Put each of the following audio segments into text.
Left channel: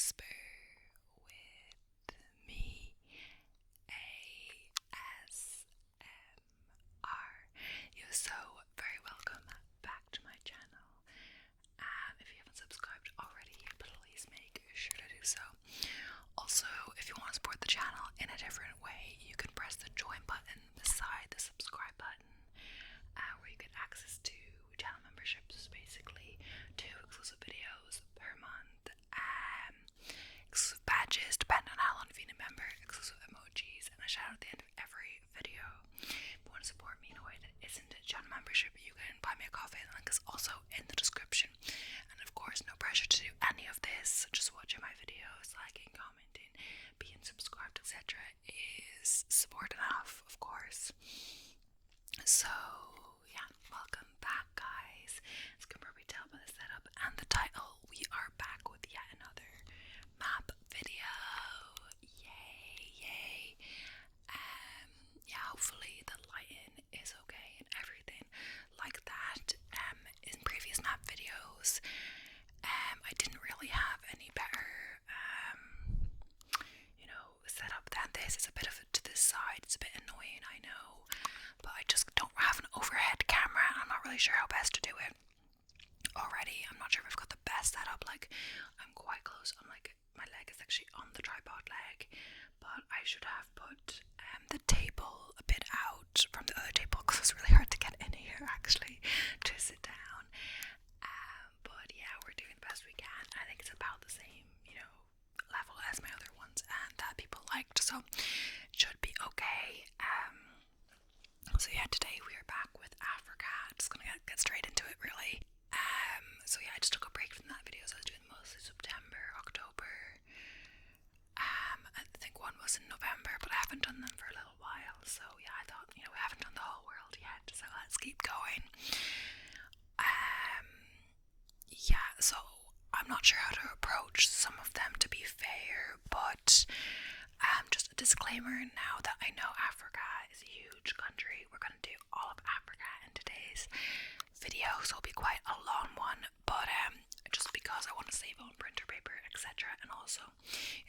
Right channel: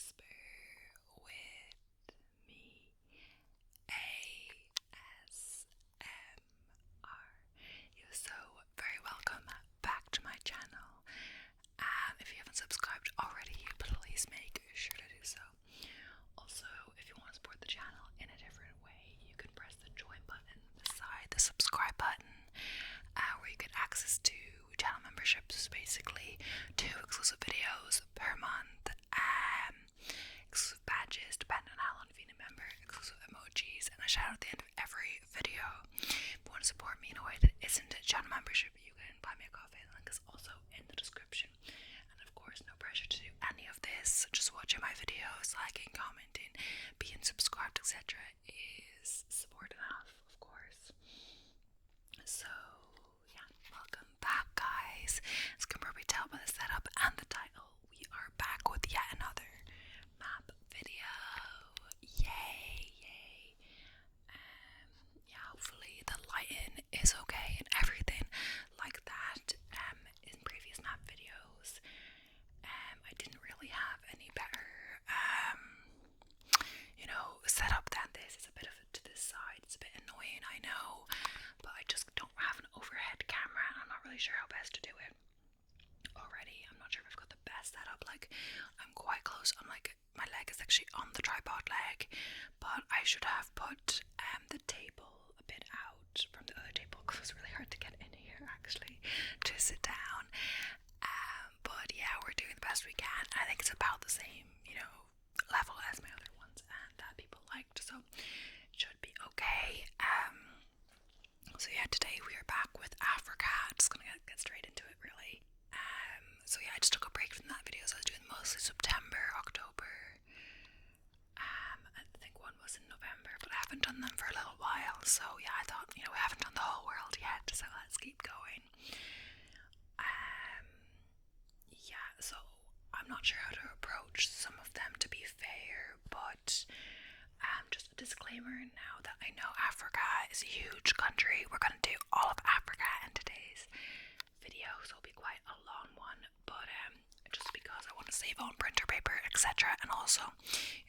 whisper with me, ASMR. You're so very welcome back to my channel. If you haven't subscribed already, please make sure to do so. Also, if you want to support the channel in a different way, you can press the join button beside the subscribe button, where you get access to channel memberships, basically 2 exclusive videos per month, exclusive badges depending on how long you've been a member, exclusive emojis, and a shout out at the end of every video. If you want to support me in a way that isn't a channel membership, you can buy me a coffee. The link is also in the description. And of course, no pressure to do any of this, just watching my videos, liking, commenting, being subscribed, etc. is support enough, of course. So yeah, welcome back, guys. As you can probably tell by the setup and the title, we are back with yet another map video. Yay. Yeah, hopefully the lighting is okay and everything like that. In previous map videos, I didn't really have any better setup than this. It's a bit of it to this side. It's a bit annoying, I know, but I just don't have an overhead camera and I'm not really sure how best to do it already. I'm not sure if I've got the best setup. Like, I'm quite close. I'm like, my leg is actually on the tripod leg, but I should have put the table a bit out from the other table because it's really hard to get in here actually to sit down. But yeah, we're doing the best we can. I think it's about the same, level as my other ones and that people liked, so it should be okay. So yeah, today we are back with Africa. Just gonna get straight into it, really. So yeah, I just took a break from that video, so I was doing mostly September, October. I think one was in November, but I haven't done them for a little while. So yeah, I thought, we haven't done the whole world yet, so let's keep going. Yeah, so I'm not sure how to approach some of them, to be fair, but just a disclaimer now that I know Africa is a huge country. We're going to do all of Africa in today's video, so it'll be quite a long one, but just because I want to save on printer paper, etc. And also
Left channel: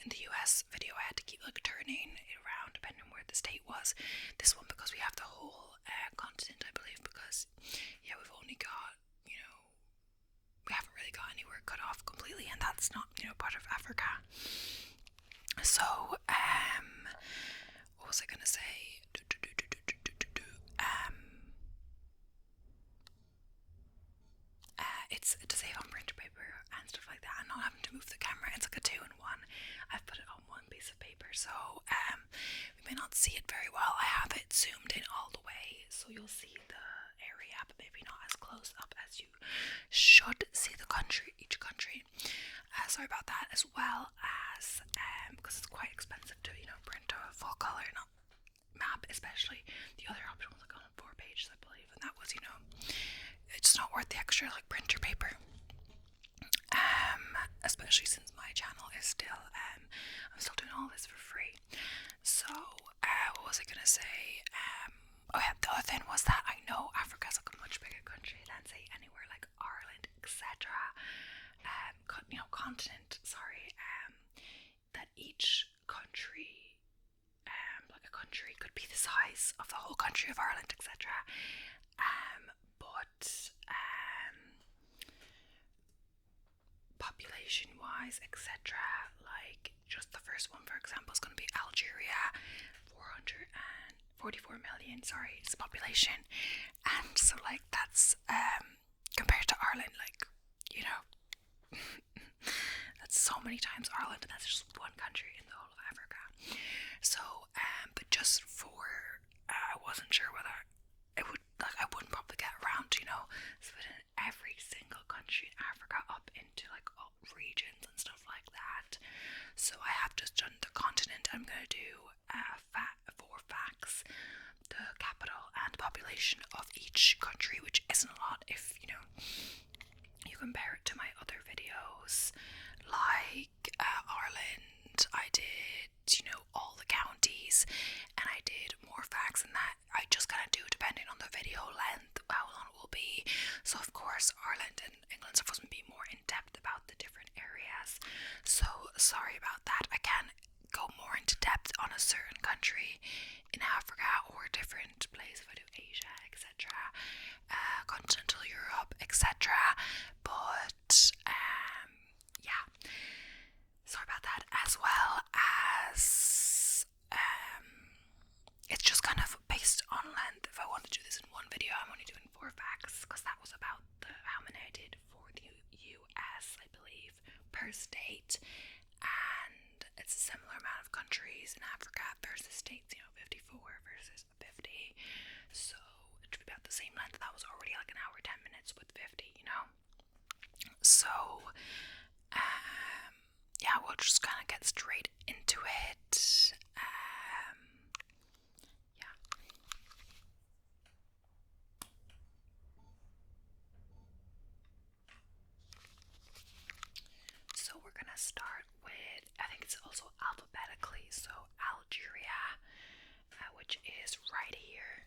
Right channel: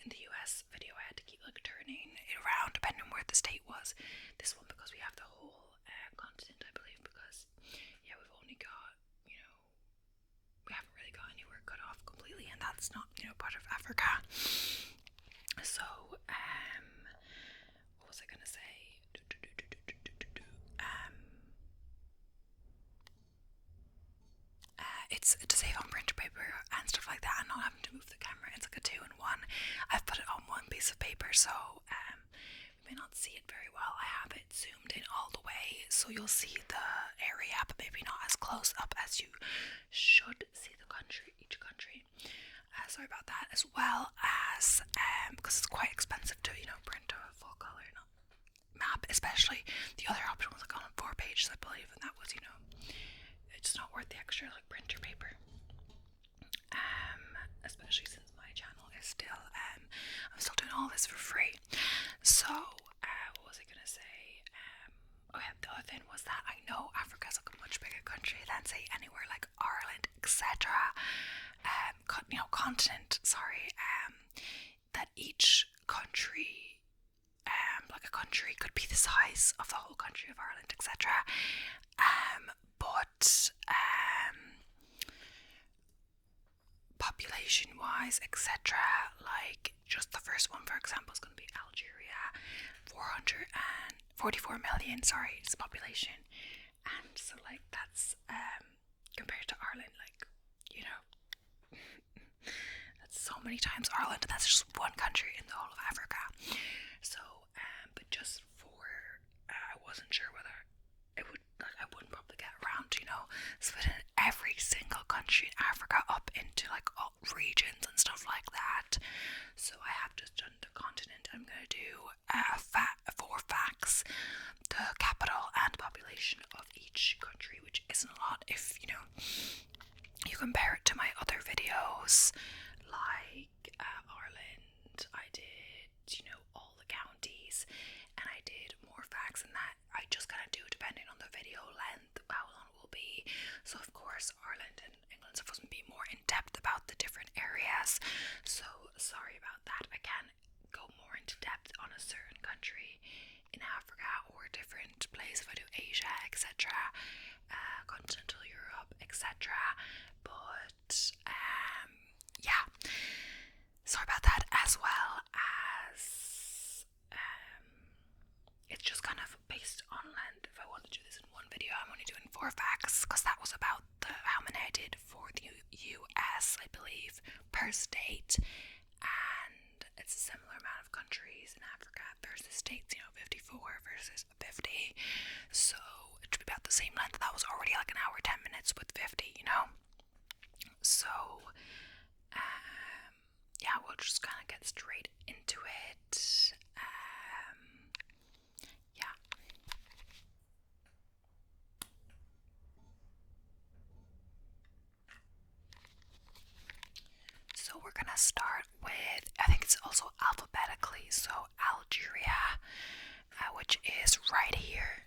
in the US video I had to keep turning it around depending on where the state was. This one because we have the whole continent, I believe, because yeah, we've only got, we haven't really got anywhere cut off completely, and that's not, part of Africa. So, what was I gonna say? It's to save on printer paper and stuff like that, and not having to move the camera. It's like a 2-in-1. I've put it on one piece of paper, so we may not see it very well. I have it zoomed in all the way, so you'll see the area, but maybe not as close up as you should see the country, each country. Sorry about that, as well as because it's quite expensive to print a full color map, especially the other option was on 4 pages, I believe, and that was it's not worth the extra printer paper, especially since my channel is still I'm still doing all this for free. So what was I gonna say? Oh yeah, the other thing was that I know Africa's a much bigger country than say anywhere like Ireland, etc. Continent, sorry, that each country, like a country could be the size of the whole country of Ireland, etc. But population wise, etc., like just the first one, for example, is going to be Algeria, 444 million, sorry, it's population. And so that's compared to Ireland, that's so many times Ireland, and that's just one country in the whole of Africa. So but just for I wasn't sure whether it would, I wouldn't probably get around to splitting every single country in Africa up into all regions and stuff like that. So I have just done the continent. I'm going to do 4 facts, the capital and population of each country, which isn't a lot if you compare it to my other videos, like Ireland. I did all the counties, and I did more facts than that. I just kind of do depending on the video length, how long it will be. So of course Ireland and England stuff was going to be more in depth about the different areas. So sorry about that. I can go more into depth on a certain country in Africa or different places if I do Asia, etc., continental Europe, etc. But yeah, sorry about that. As well as it's just kind of based on length. If I want to do this in one video, I'm only doing 4 facts because that was about how many I did for the US, I believe, per state, and it's a similar amount of countries in Africa versus states, 54 versus 50, so it should be about the same length. That was already like an hour 10 minutes with 50, so yeah, we'll just kind of get straight into it. Yeah. So we're gonna start with, I think it's also alphabetically, so Algeria, which is right here.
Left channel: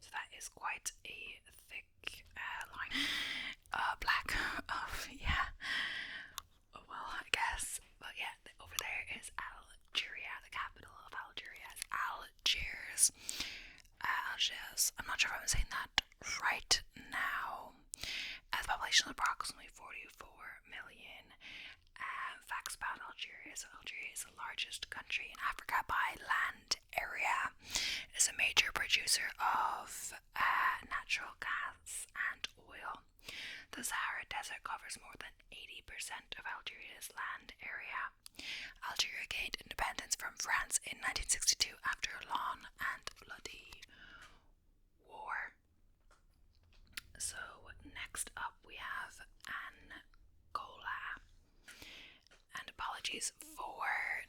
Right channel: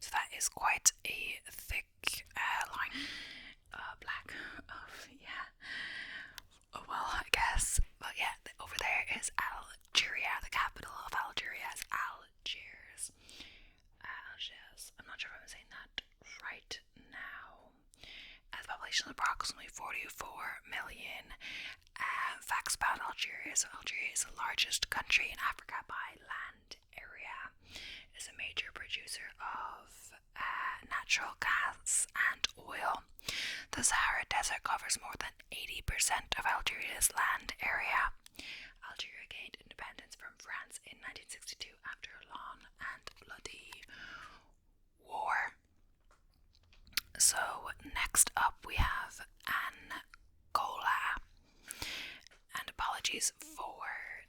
So that is quite a thick line. Black. Yeah. Well, I guess. But yeah, over there is Algeria. The capital of Algeria is Algiers. Algiers. I'm not sure if I'm saying that right now. The population is approximately 44 million. Facts about Algeria. So Algeria is the largest country in Africa by land area. It is a major producer of natural gas and oil. The Sahara Desert covers more than 80% of Algeria's land area. Algeria gained independence from France in 1962 after a long and bloody war. So next up we have Angola. And apologies for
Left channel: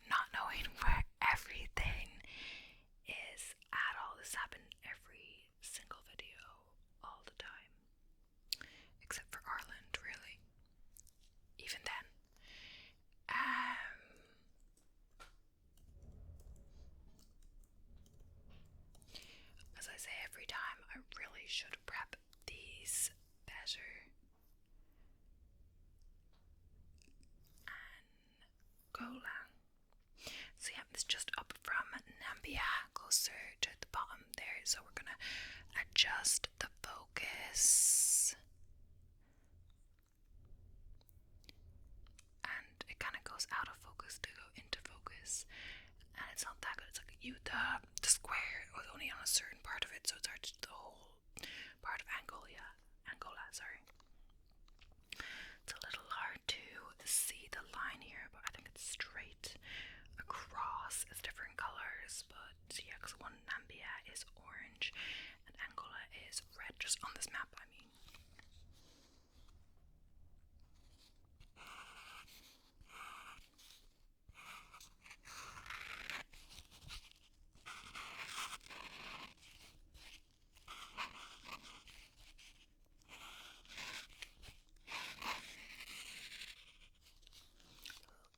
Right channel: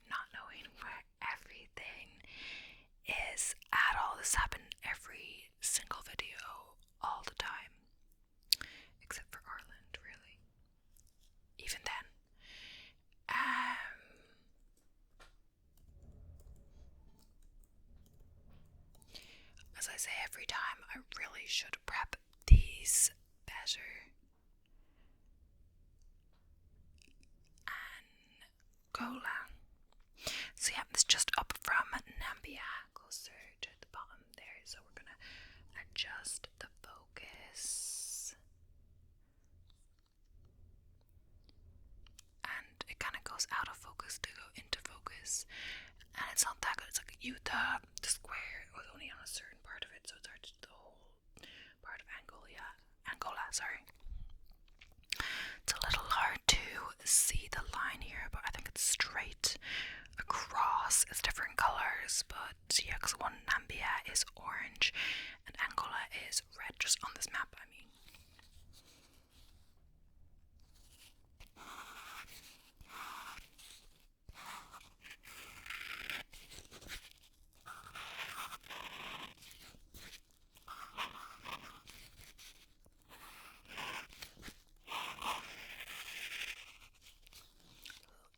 not knowing where everything is at all. This happened every single video all the time. Except for Ireland, really. Even then. As I say every time, I really should prep these better. Angola. So yeah, it's just up from Nambia, closer to the bottom there. So we're gonna adjust the focus. And it kind of goes out of focus to go into focus. And it's not that good. It's like the square was only on a certain part of it, so it's hard to the whole part of Angola, sorry. It's a little hard to see the line here, but I think it's straight across. It's different colors, but yeah, because one Nambia is orange and Angola is red, just on this map, I mean.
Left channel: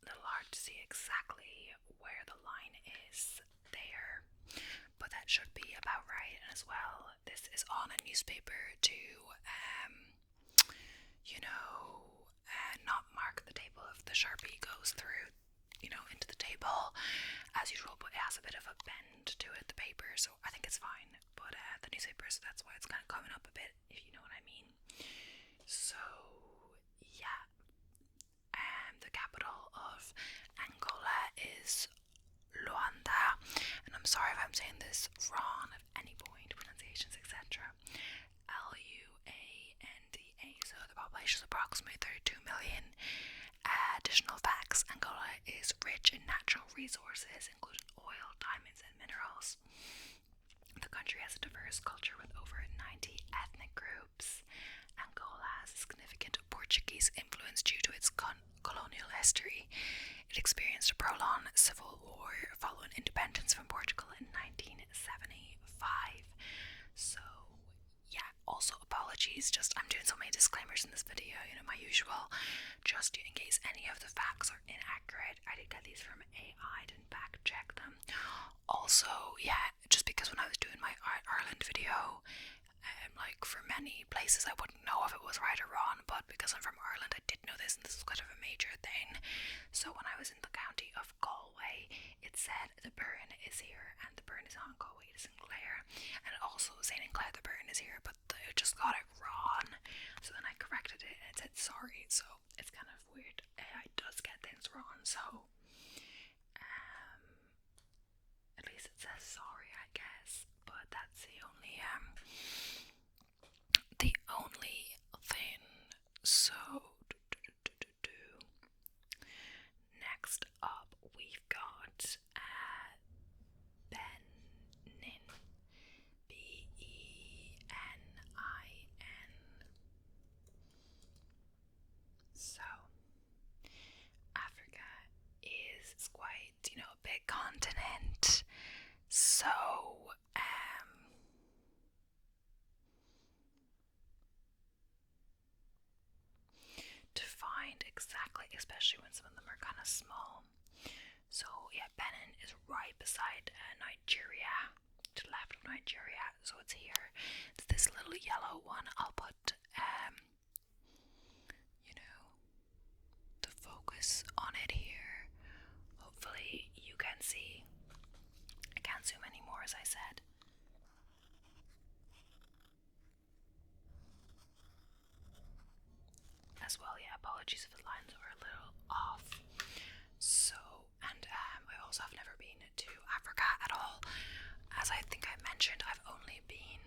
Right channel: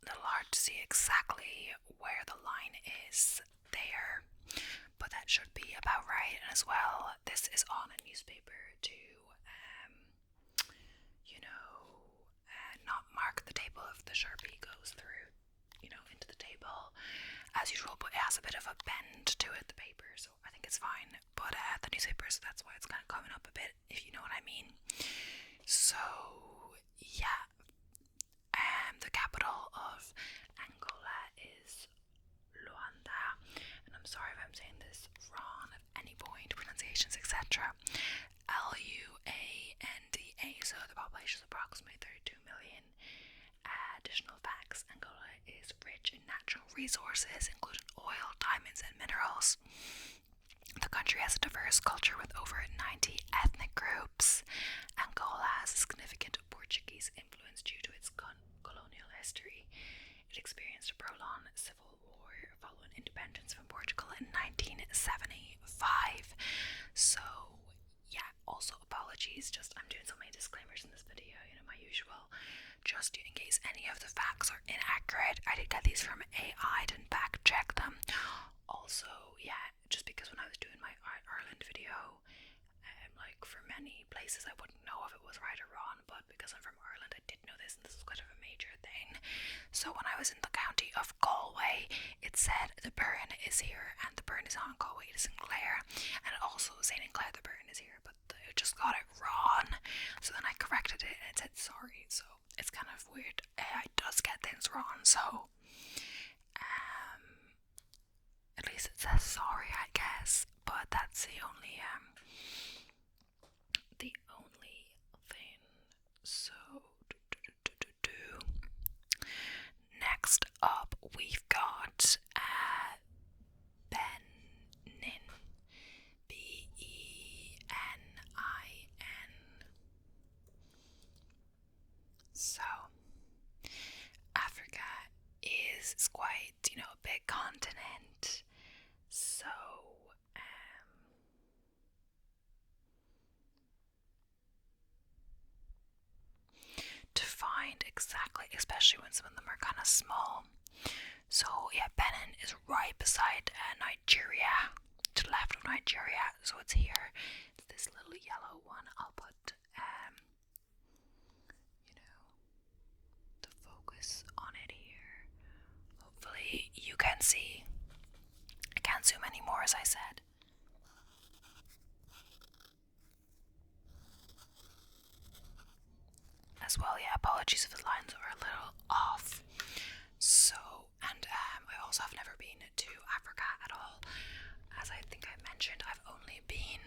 Little hard to see exactly where the line is there, but that should be about right. And as well, this is on a newspaper to not mark the table if the Sharpie goes through, into the table as usual, but it has a bit of a bend to it, the paper, so I think it's fine. But the newspaper, so that's why it's kind of coming up a bit, if you know what I mean. So yeah, the capital of Angola is Luanda, and I'm sorry if I'm saying this wrong at any point, pronunciations, etc. Luanda. So the population is approximately 32 million. Additional facts: Angola is rich in natural resources, including oil, diamonds, and minerals. The country has a diverse culture with over 90 ethnic groups. Angola has a significant Portuguese influence due to its colonial history. It experienced a prolonged civil war following independence from Portugal in 1970. yeah, just because when I was doing my Ireland video, like for many places I wouldn't know if it was right or wrong, but because I'm from Ireland I did know this, and this was kind of a major thing. So when I was in the county of Galway, it said the burn is here, and the burn is not in Galway, it is in Clare, and it also was saying in Clare the burn is here, but I just got it wrong. So then I corrected it and it said sorry. So it's kind of weird. AI does get things wrong, so at least it says sorry, I guess. But that's the only thing. So next up we've got Benin. Benin. So Africa is quite, a big continent. So to find exactly, especially when some of them are kind of small. So yeah, Benin is right beside Nigeria, to the left of Nigeria. So it's here. It's this little yellow one. I'll put the focus on it here. Hopefully you can see. I can't zoom anymore, as I said. As well, yeah, apologies if the lines are a little off. So, and I also have never been to Africa at all. As I think I mentioned, I've only been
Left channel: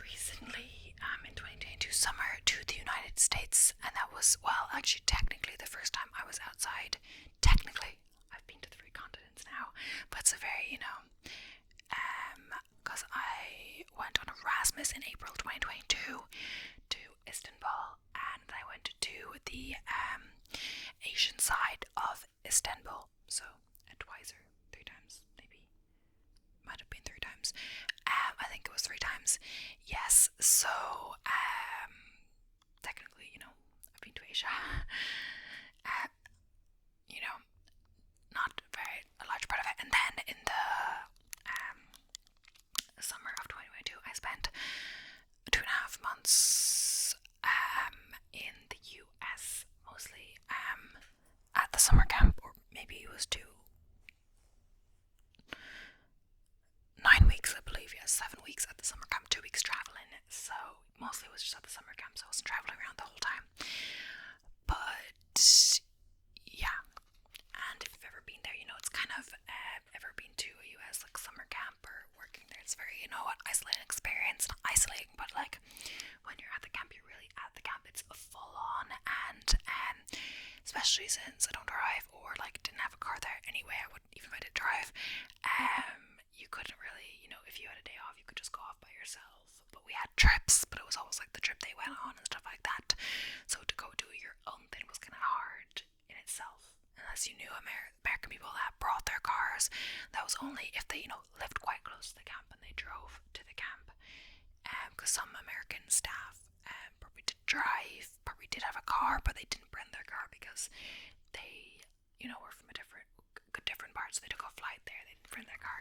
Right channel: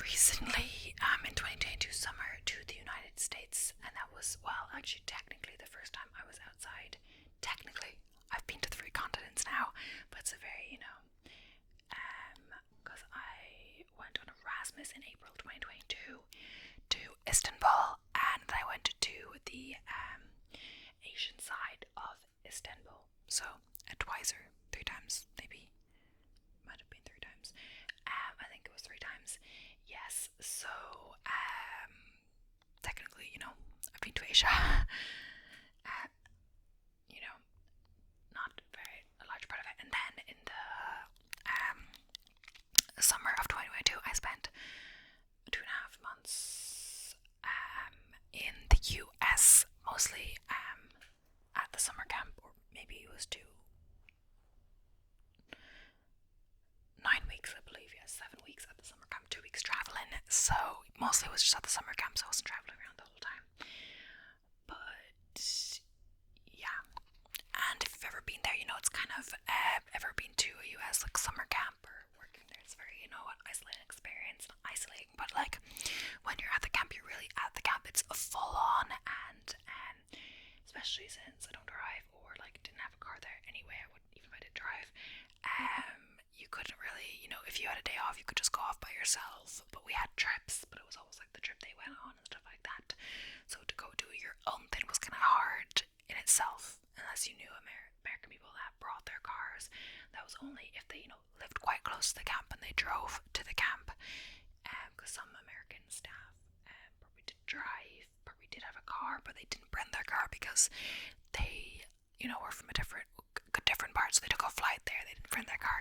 recently, in 2022 summer, to the United States, and that was, well, actually technically the first time I was outside. Technically, I've been to 3 continents now, but it's a very, because I went on Erasmus in April 2022 to Istanbul, and then I went to the Asian side of Istanbul, so twice or 3 times, maybe, might have been 3 times. I think it was 3 times. Yes, so technically, I've been to Asia. Not a large part of it. And then in the summer of 2022, I spent 2.5 months in the US, mostly at the summer camp, or maybe it was 9 weeks, I believe. Yes, 7 weeks at the summer camp, 2 weeks traveling. So mostly it was just at the summer camp, so I wasn't traveling around the whole time. But yeah, and if you've ever been there, it's kind of ever been to a US like summer camp or working there, it's very, isolating experience. Not isolating, but like when you're at the camp, you're really at the camp. It's full on, and especially since I don't drive, or like didn't have a car there anyway, I wouldn't, even if I did drive, you couldn't really, if you had a day off, you could just go off by yourself. But we had trips, but it was always like the trip they went on and stuff like that. So to go do your own thing was kind of hard in itself, unless you knew American people that brought their cars. That was only if they, lived quite close to the camp and they drove to the camp. Because some American staff probably did drive, probably did have a car, but they didn't bring their car because they, were from a different parts. So they took a flight there. They didn't bring their car,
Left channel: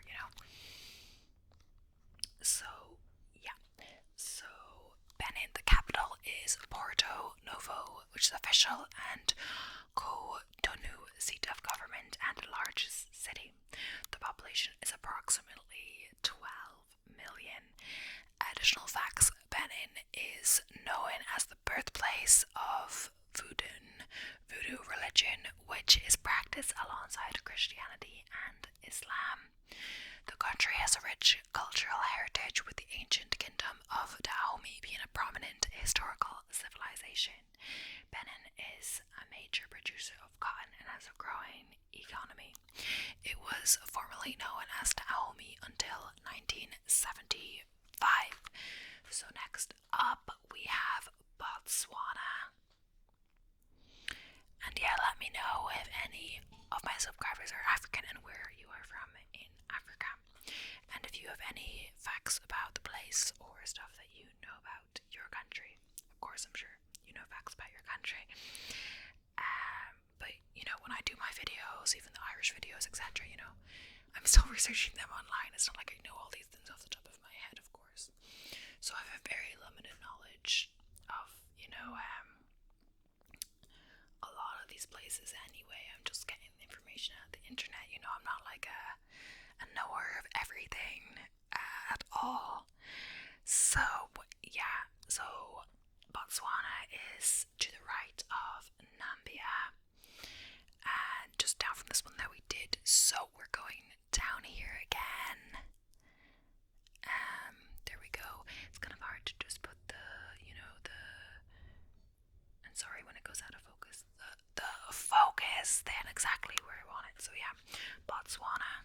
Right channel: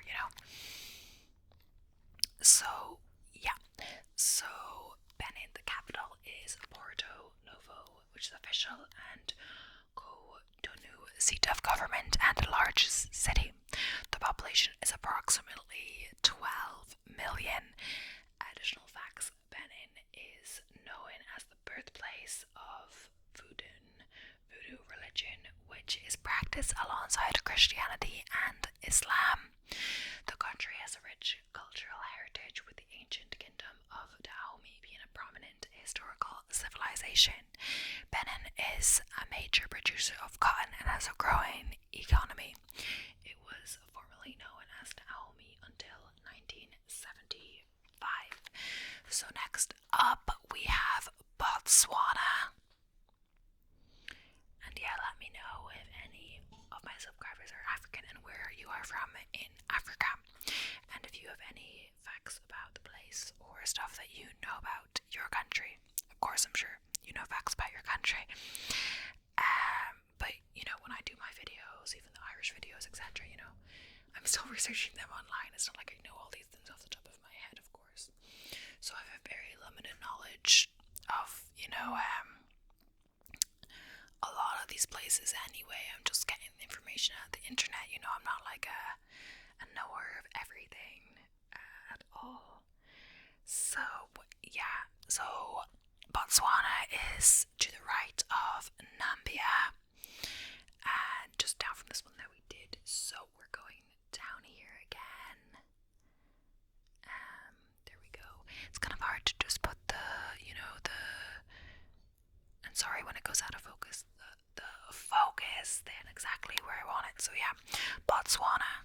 So yeah. So Benin, the capital is Porto Novo, which is official, and Cotonou, seat of government and largest city. The population is approximately 12 million. Additional facts: Benin is known as the birthplace of voodoo religion, which is practiced alongside Christianity and Islam. The country has a rich cultural heritage, with the ancient kingdom of Dahomey being a prominent historical civilization. Benin is a major producer of cotton and has a growing economy. It was formerly known as Dahomey until 1975. So next up we have Botswana. And yeah, let me know if any of my subscribers are African and where you are from in Africa. And if you have any facts about the place or stuff that you know about your country. Of course, I'm sure you know facts about your country. But when I do my videos, even the Irish videos, etc., I'm I'm still researching them online. It's not like I know all these things off the top of my head, of course. So I have a very limited knowledge of, a lot of these places anyway. I'm just getting the information out of the internet. I'm not like a knower of everything at all. So yeah, so Botswana is to the right of Nambia, and just down from this one that we did. So we're going down here again. There we go. It's kind of hard to just put and sorry when it goes out of focus, the focus then exactly where I want it. So yeah, Botswana.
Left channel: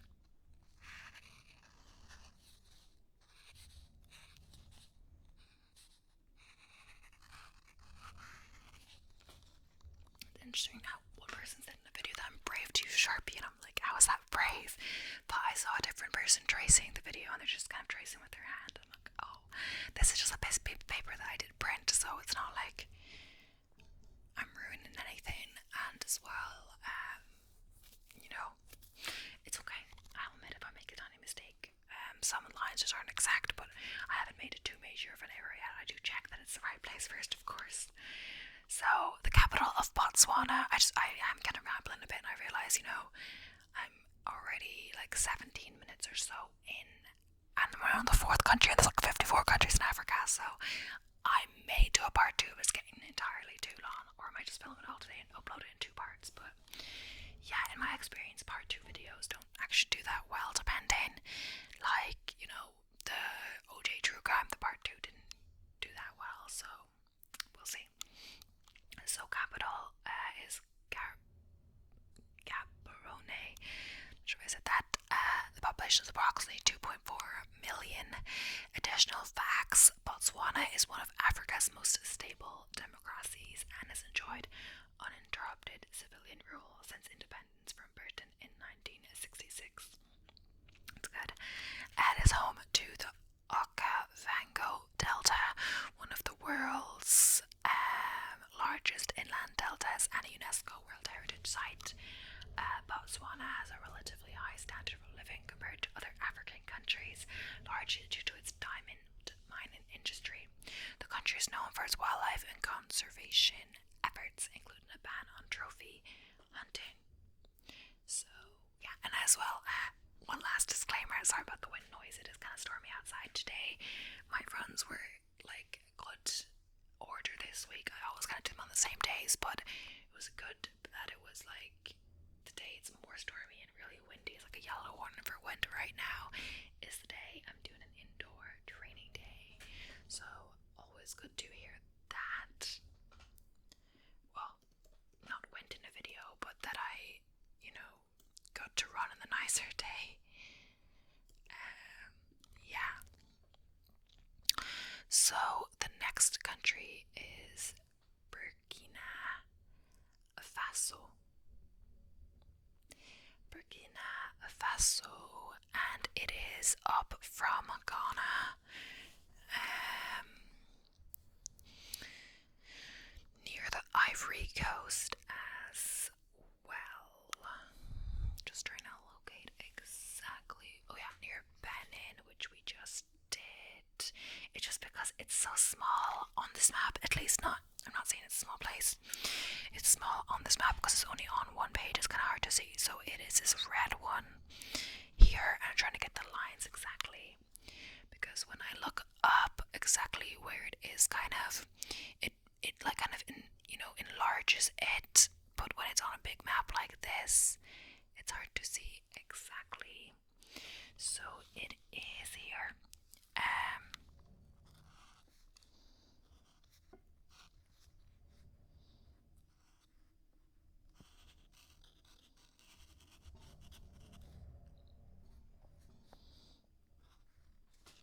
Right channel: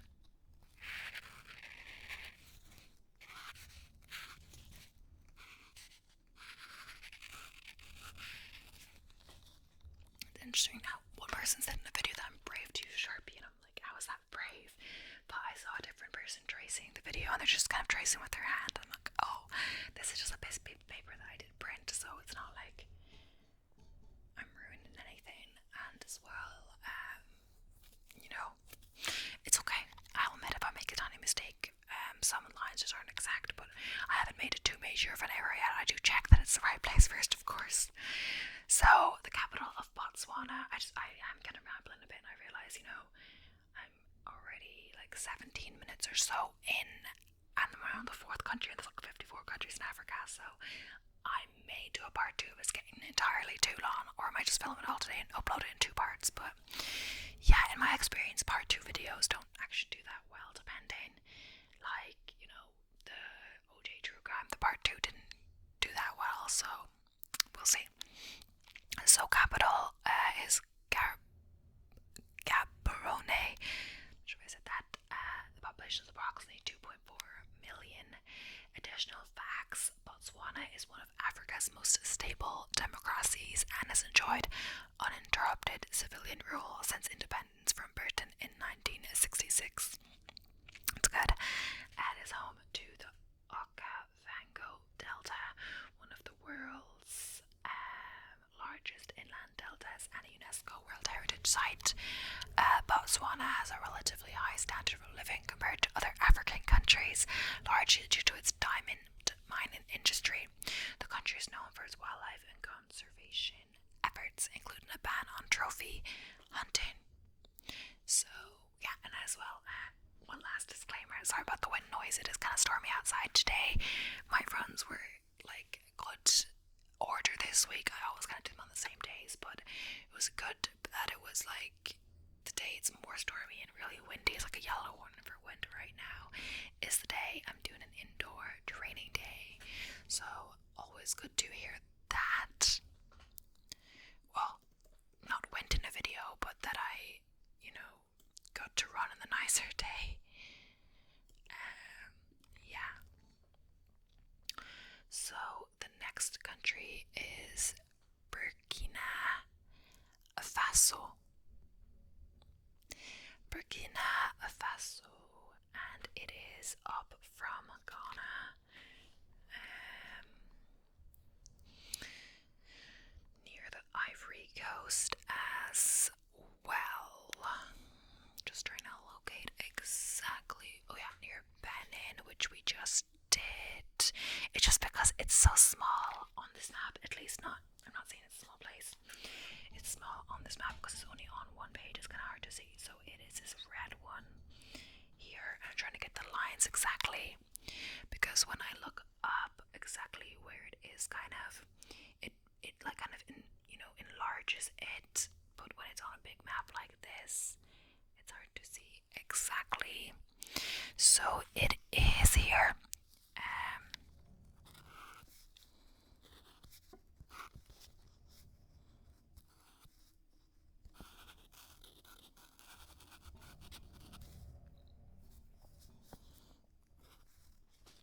It's interesting now. One person said in the video that I'm brave to use Sharpie, and I'm like, how is that brave? But I saw a different person tracing the video, and they're just kind of tracing with their hand. I'm like, oh, this is just a piece of paper that I did print, so it's not like I'm ruining anything. And as well, it's okay. I'll admit if I make a tiny mistake. Some lines just aren't exact, but I haven't made it too major of an error yet. I do check that it's the right place first, of course. So the capital of Botswana. I'm kind of rambling a bit, and I realize, I'm already like 17 minutes or so in, and we're on the 4th country, and there's like 54 countries in Africa. So I may do a part 2 if it's getting entirely too long, or I might just film it all today and upload it in 2 parts. But yeah, in my experience, part 2 videos don't actually do that well, depending. Like, the OJ True Crime, the part 2 didn't do that well, so we'll see. So capital is Gaborone. Not sure if I said that. The population is approximately 2.4 million. Additional facts: Botswana is one of Africa's most stable democracies and has enjoyed uninterrupted civilian rule since independence from Britain in 1966. It's good. It is home to the Okavango Delta, one of the world's largest inland deltas and a UNESCO World Heritage Site. Botswana has a relatively high standard of living compared to other African countries, largely due to its diamond mining industry. The country is known for its wildlife and conservation efforts, including a ban on trophy hunting. So yeah, and as well, one last disclaimer, sorry about the wind noise, it is kind of stormy outside today. My runs were like good order this week. I always kind of do them on the same days, but it was good that it was like today it's more stormy and really windy. It's like a yellow warning for wind right now. Is the day I'm doing an indoor training day, so always good to hear that. Well, not wind in a video, but that I got to run in the nicer day. Yeah. So the next country is Burkina Faso. Burkina Faso, and it is up from Ghana. Near the Ivory Coast as well. Just trying to locate exactly. Oh yeah, near Benin, which we just did. It's just because it's so small on this map, at least not. I'm not saying it's a small place. It's small on this map because it's only on one page. It's kind of hard to see. So it is this red one here, and I'm trying to get the lines exactly, because when I look up exactly where it is, it like kind of enlarges it, but when it's on a big map like this, it's hard to see exactly. So it is here.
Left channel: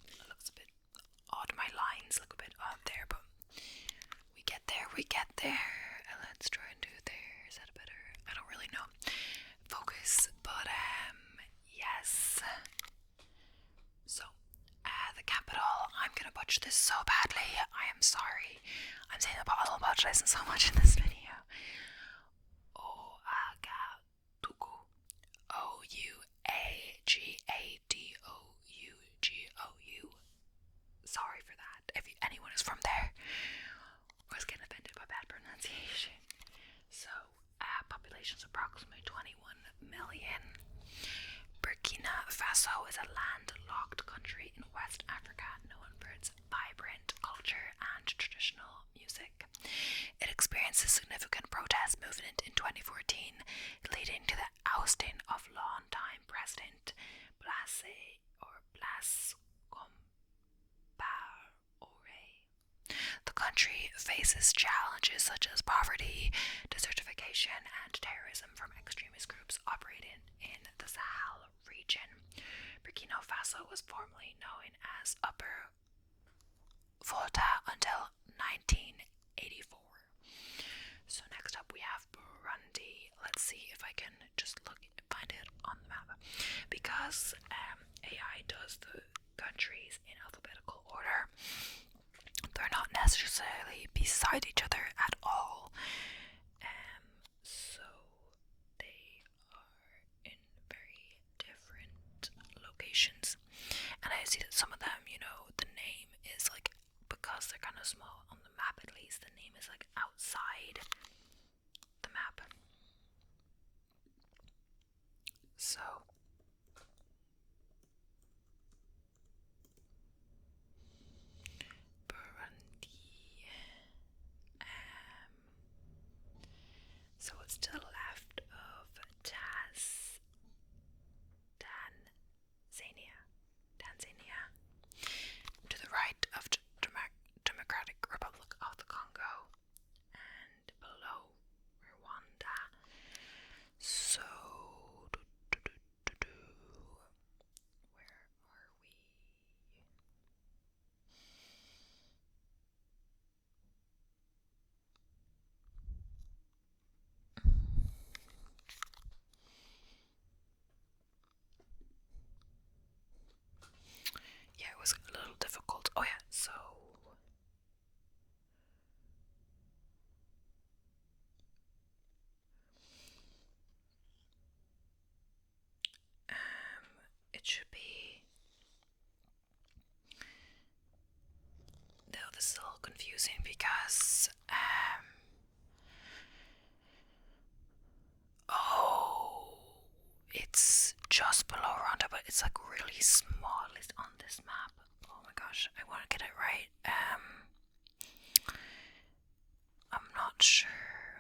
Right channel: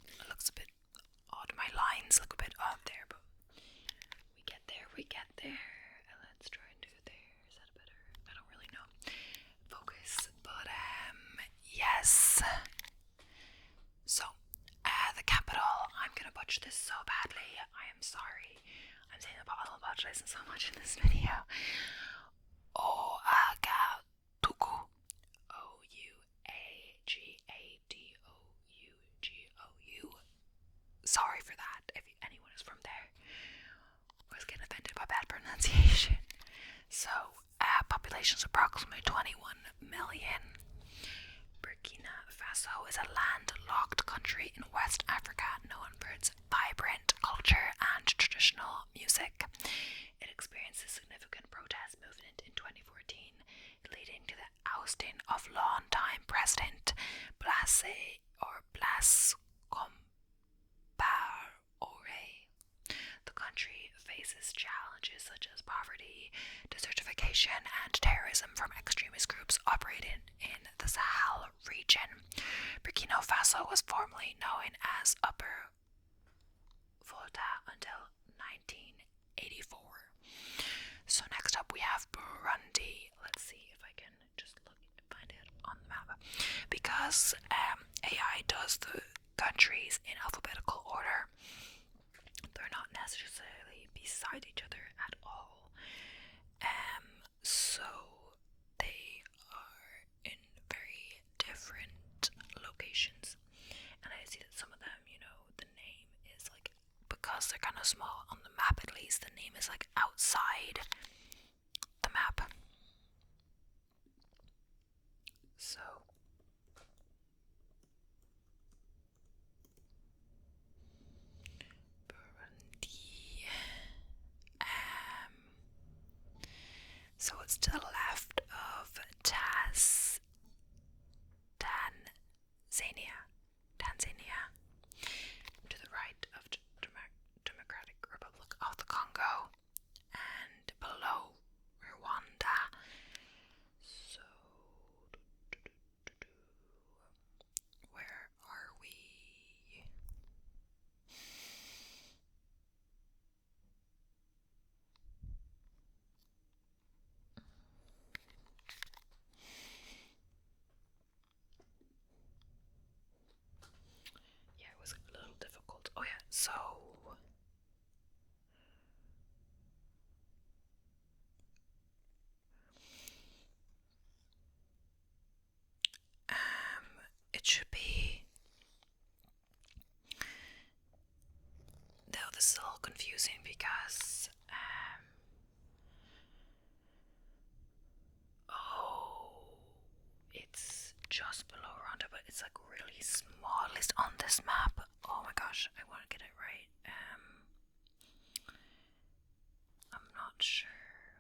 It looks a bit odd. My lines look a bit odd there, but we get there. Let's try and do it there. Is that better? I don't really know. Focus, but yes. So, the capital. I'm gonna butcher this so badly. I am sorry. I'm saying I'm butchering so much in this video. Ouagadougou. Ouagadougou. who's from there was getting offended by bad pronunciation. So, population is approximately 21 million. Burkina Faso is a landlocked country in West Africa known for its vibrant culture and traditional music. It experienced a significant protest movement in 2014, leading to the ousting of longtime president Blaise Compaoré. The country faces challenges such as poverty, desertification, and terrorism from extremist groups operating in the Sahel region. Burkina Faso was formerly known as Upper Volta until 1984. So next up we have Burundi. Let's see if I can just find it on the map. Because AI does the countries in alphabetical order, they're not necessarily beside each other at all. So they are in very different locations. And I see that some of them, the name is like, because they're kind of small on the map at least, the name is like outside the map. So Burundi. So it's to the left of Tanzania, to the right of Democratic Republic of the Congo, and below Rwanda. So, where are we? Yeah, it was a little difficult. Oh yeah, so it should be. No, this is a little confusing because it's just below Rwanda, but it's like really small, at least on this map. Oh my gosh, I want to get it right. I'm not sure.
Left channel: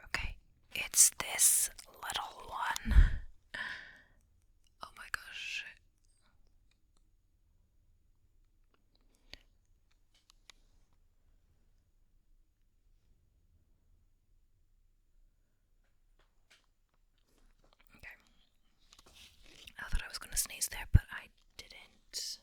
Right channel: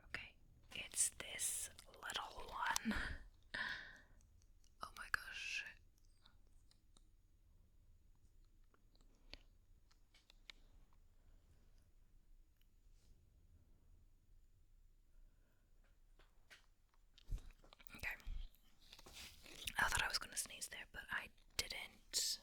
Okay, it's this little one. Oh my gosh. Okay. I thought I was gonna sneeze there, but I didn't.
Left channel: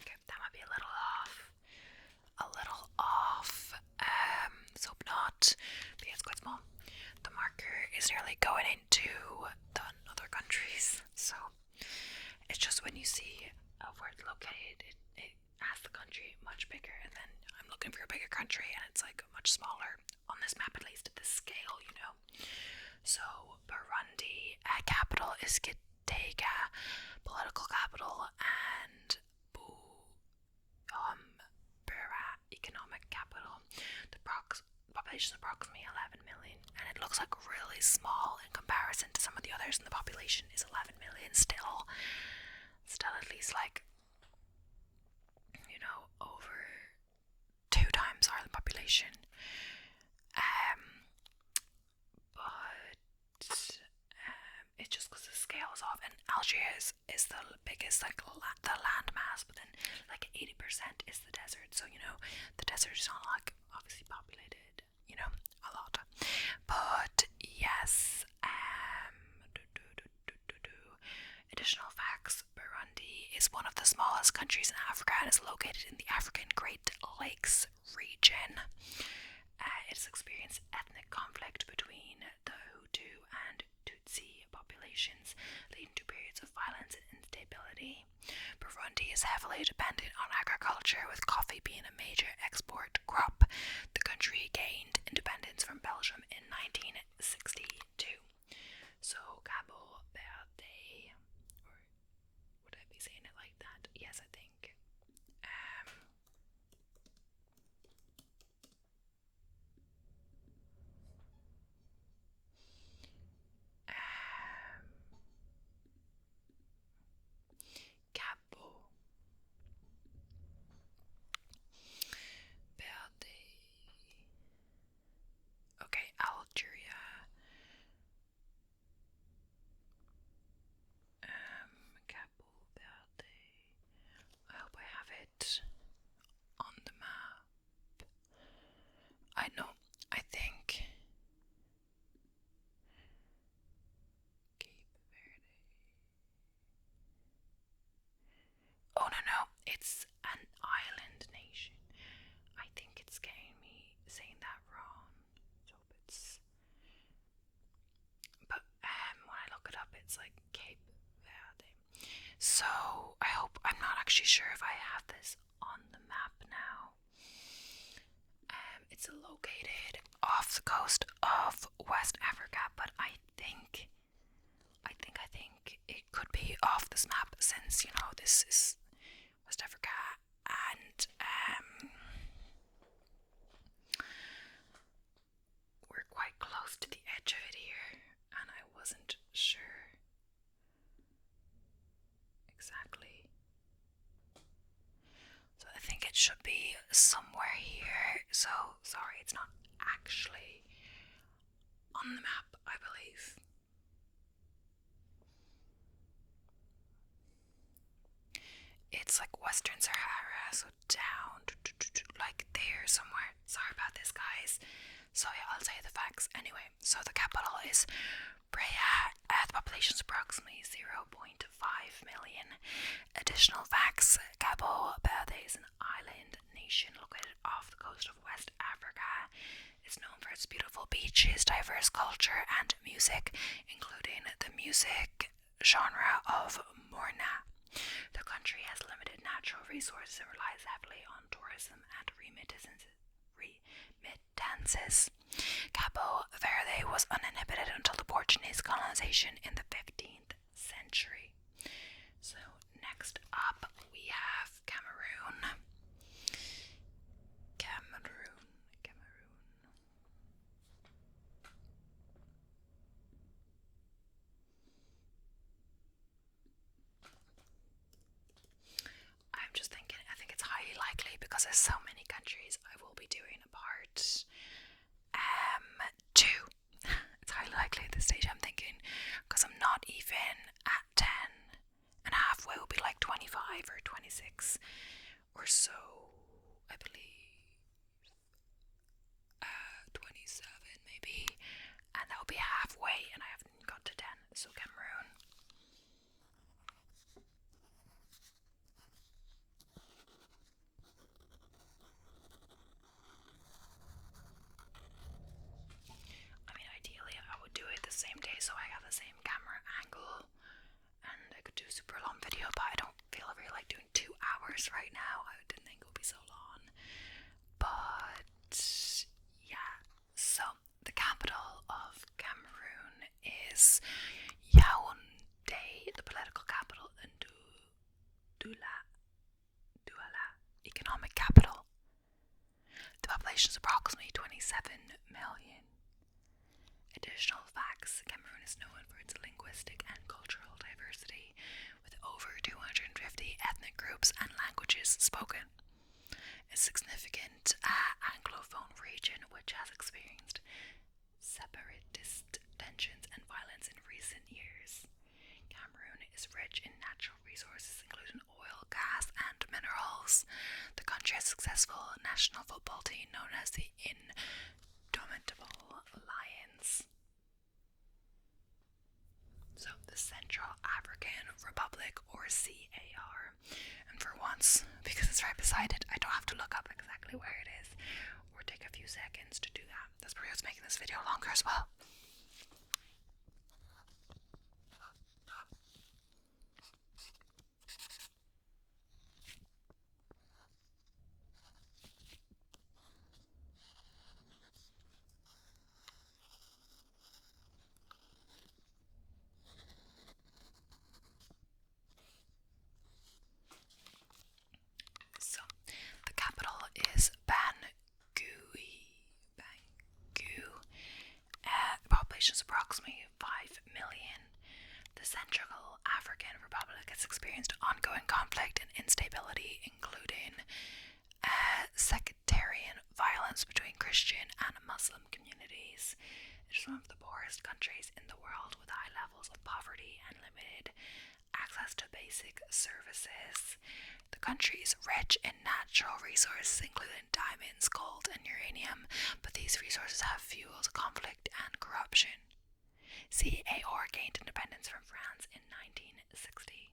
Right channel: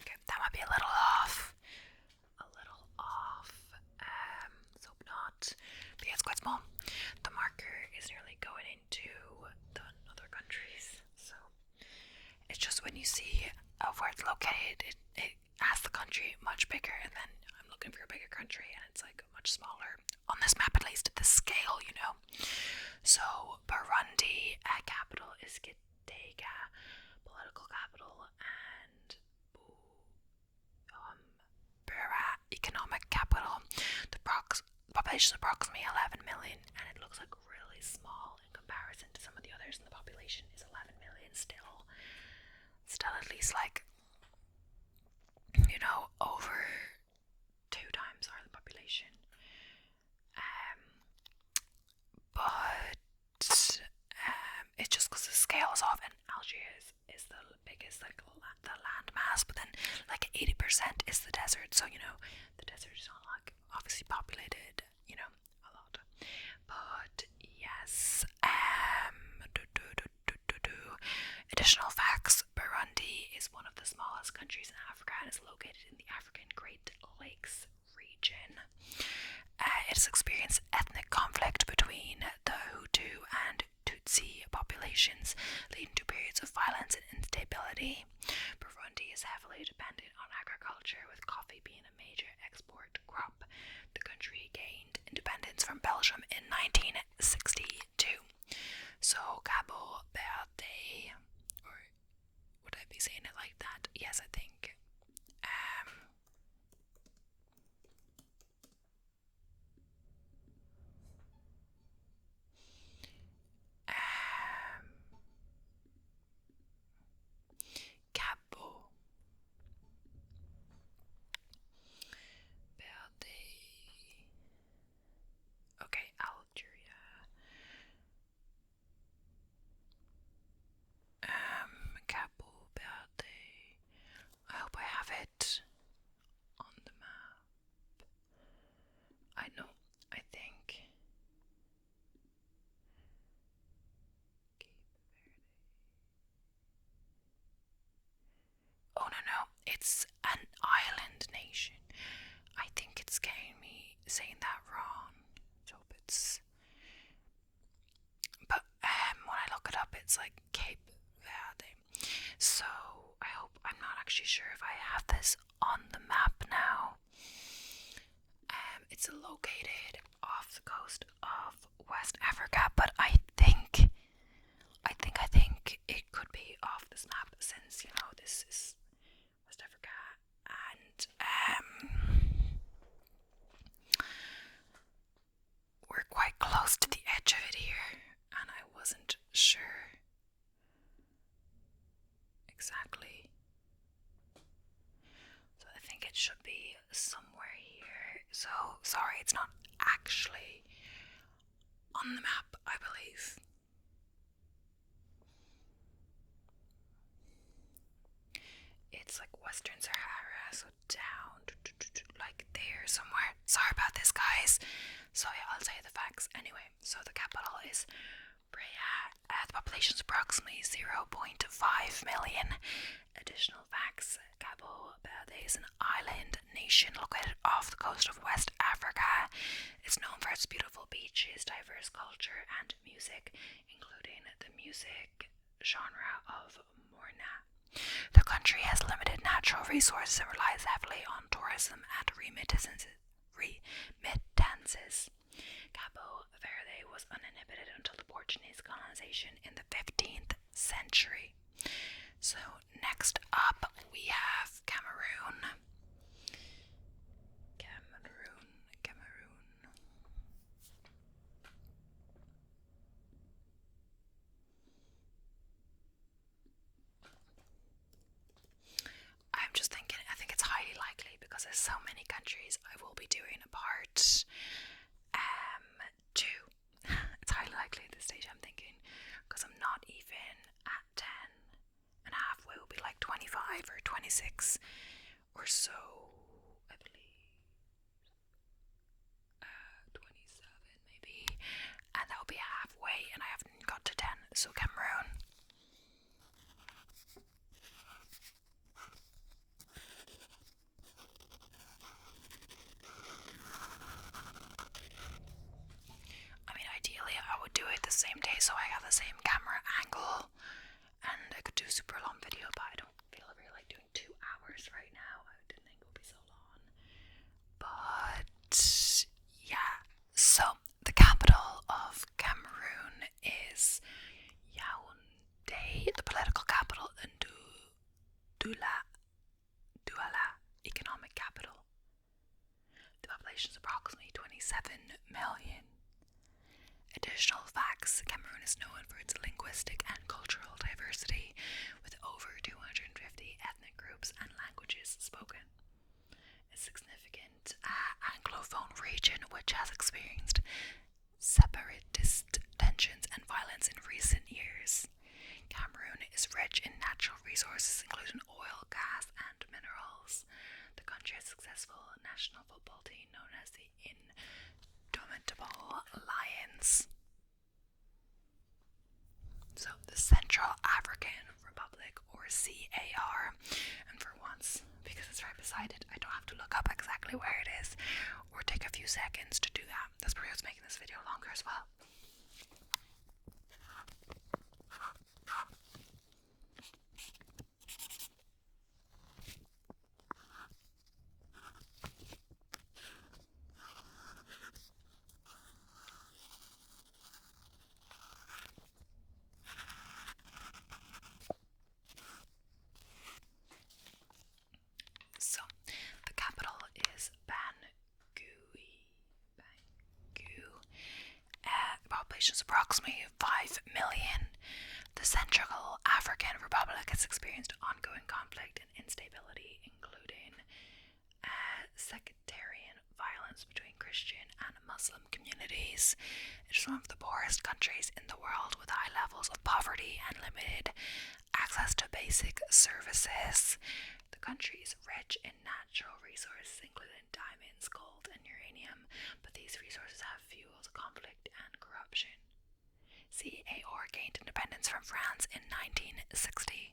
Okay, that might be a little off. So not, but yeah, it's quite small. The marker is nearly going into the other countries, so it's just when you see where it's located, it has the country much bigger, and then I'm looking for a bigger country, and it's like much smaller on this map, at least at the scale, So Burundi, capital is Gitega, political capital, and Bera, economic capital. The population is approximately 11 million, and it looks like really small in comparison to some of the others, and the population is 11 million still at least like, over 2 times our population. But it's just because the scale is off, and Algeria is the biggest, like the land mass, but then like 80% is the desert, so the desert is not like obviously populated, a lot. But yes, additional facts: Burundi is one of the smallest countries in Africa and is located in the African Great Lakes region. It has experienced ethnic conflict between the Hutu and Tutsi populations, leading to periods of violence and instability. Burundi is heavily dependent on agriculture, with coffee being a major export crop. The country gained independence actually sure if I have this on the map now. It's located off the coast of West Africa, but I think it could be off this map since, you know, this is West Africa and we're quite close to the edge of it here, and I wasn't sure exactly. So I think it should be somewhere here. So sorry, it's not actually on the map, I believe. It's like Western Sahara, so down, like there somewhere. Sorry about this, guys. So yeah, I'll tell you the facts anyway. So the capital is Praia. The population is approximately 0.5 million. Additional facts: Cabo Verde is an island nation located off the coast of West Africa. It's known for its beautiful beaches, diverse culture, and music, including the music genre of Morna. The country has limited natural resources and relies heavily on tourism and remittances. Cabo Verde was uninhabited until the Portuguese colonization in the 15th century. So next up we have Cameroon. I'm just thinking, I think it's highly likely because there's so many countries I will be doing a part 2. It's highly likely at this stage, I'm thinking, because I'm not even at 10 and halfway will be like 25 or 26 or so, I believe. 27 maybe, and that will be halfway and I haven't got to 10. So Cameroon. I mean, ideally I would do it the same day so I have the same camera angle and I could do a super long video, but I don't feel I really like doing 2 hours right now. I didn't think it would be so long. But yeah, so the capital of Cameroon is Yaoundé, the political capital, and Douala, economic capital. The population is approximately 27 million. Additional facts: Cameroon is known for its linguistic and cultural diversity, with over 250 ethnic groups and languages spoken. A significant Anglophone region which has experienced separatist tensions and violence in recent years. Cameroon is rich in natural resources including oil, gas, and minerals. The country has a successful national football team known as the Indomitable Lions. So the Central African Republic, or CAR, and for once, because it's right beside it, I don't have to look up exactly where it is or take a few seconds to do that. That's probably what's making this video longer as well. So, the capital is Bangui. The population is approximately 5 million. The Central African Republic has experienced ongoing conflict and instability, including sectarian violence between Christian and Muslim communities. It is one of the poorest countries in the world, with high levels of poverty and limited access to basic services. The country is rich in natural resources, including diamonds, gold, and uranium, but these resources have fueled conflict and corruption. CAR gained independence from France in 1960.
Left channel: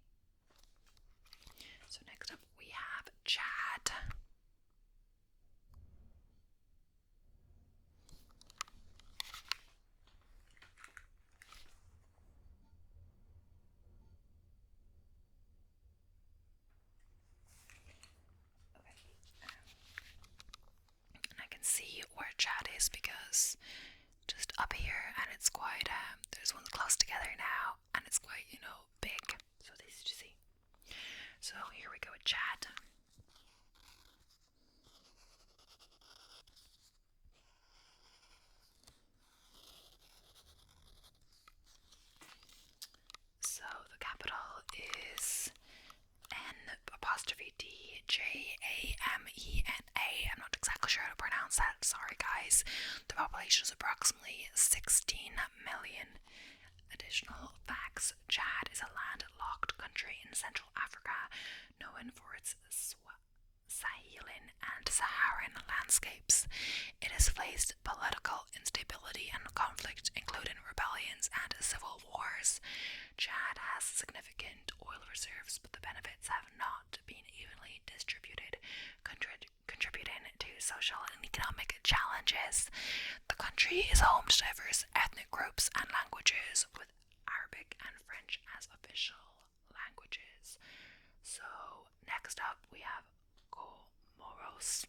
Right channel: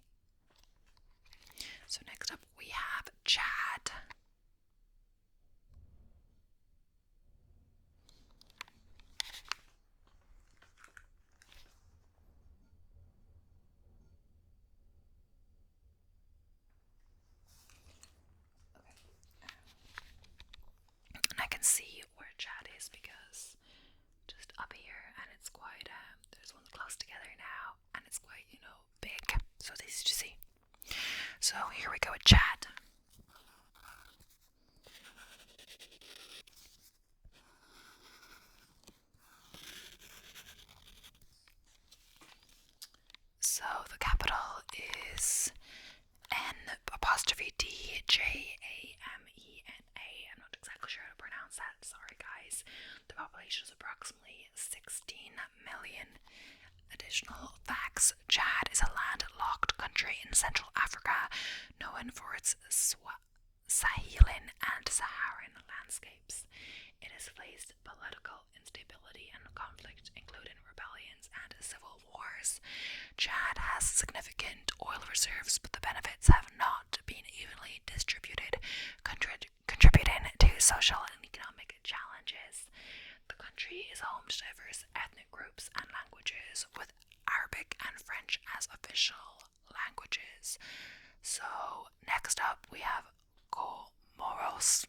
So next up we have Chad. and see where Chad is, because just up here, and it's quite, there's ones close together now, and it's quite, big, so it's easy to see. So here we go with Chad. So the capital is N''D''Jamena. I'm not exactly sure how to pronounce that, sorry guys. The population is approximately 16 million. Additional facts: Chad is a landlocked country in Central Africa, known for its Saharan and Saharan landscapes. It has faced political instability and conflict, including rebellions and civil wars. Chad has significant oil reserves, but the benefits have not been evenly distributed, contributing to social and economic challenges. The country is home to diverse ethnic groups and languages, with Arabic and French as official languages. So, next up we have Comoros.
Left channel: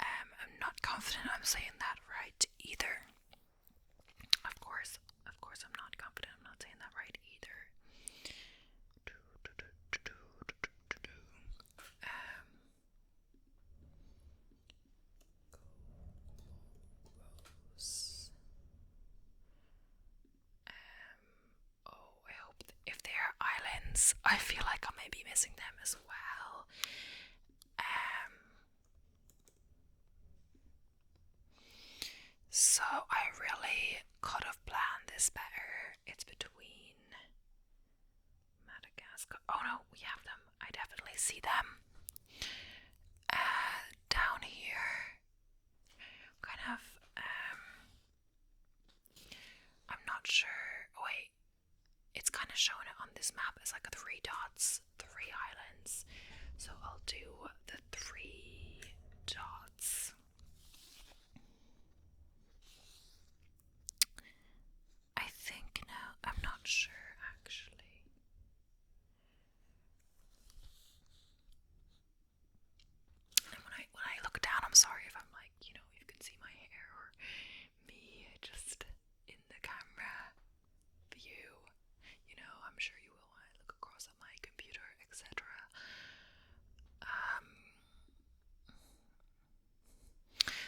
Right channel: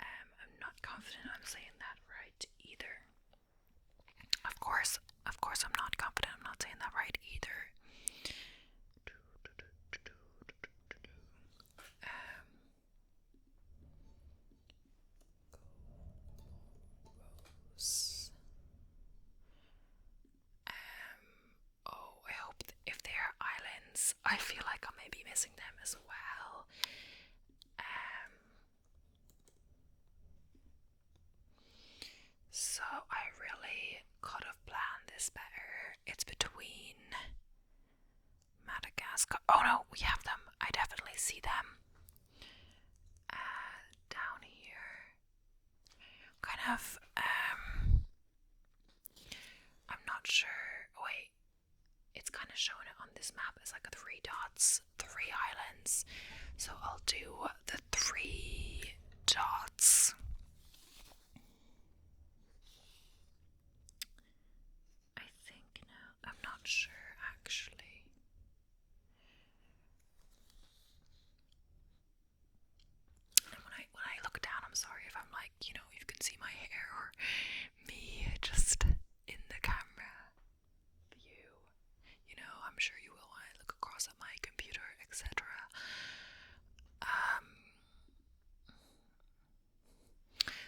I'm not confident I'm saying that right either. Of course, I'm not confident I'm not saying that right either. I hope if they are islands, I feel like I may be missing them as well. So I really could have planned this better. It's between Madagascar. Oh no, we have them. I definitely see them. Down here. Kind of, I'm not sure. Wait, it's kind of showing it on this map as like 3 dots, 3 islands. So I'll do the 3 dots. I think now, I'm not sure actually. And when I look down, I'm sorry if I'm like, you can see my hair or me just in the camera view. I'm sure you will when I look across at my computer, etc.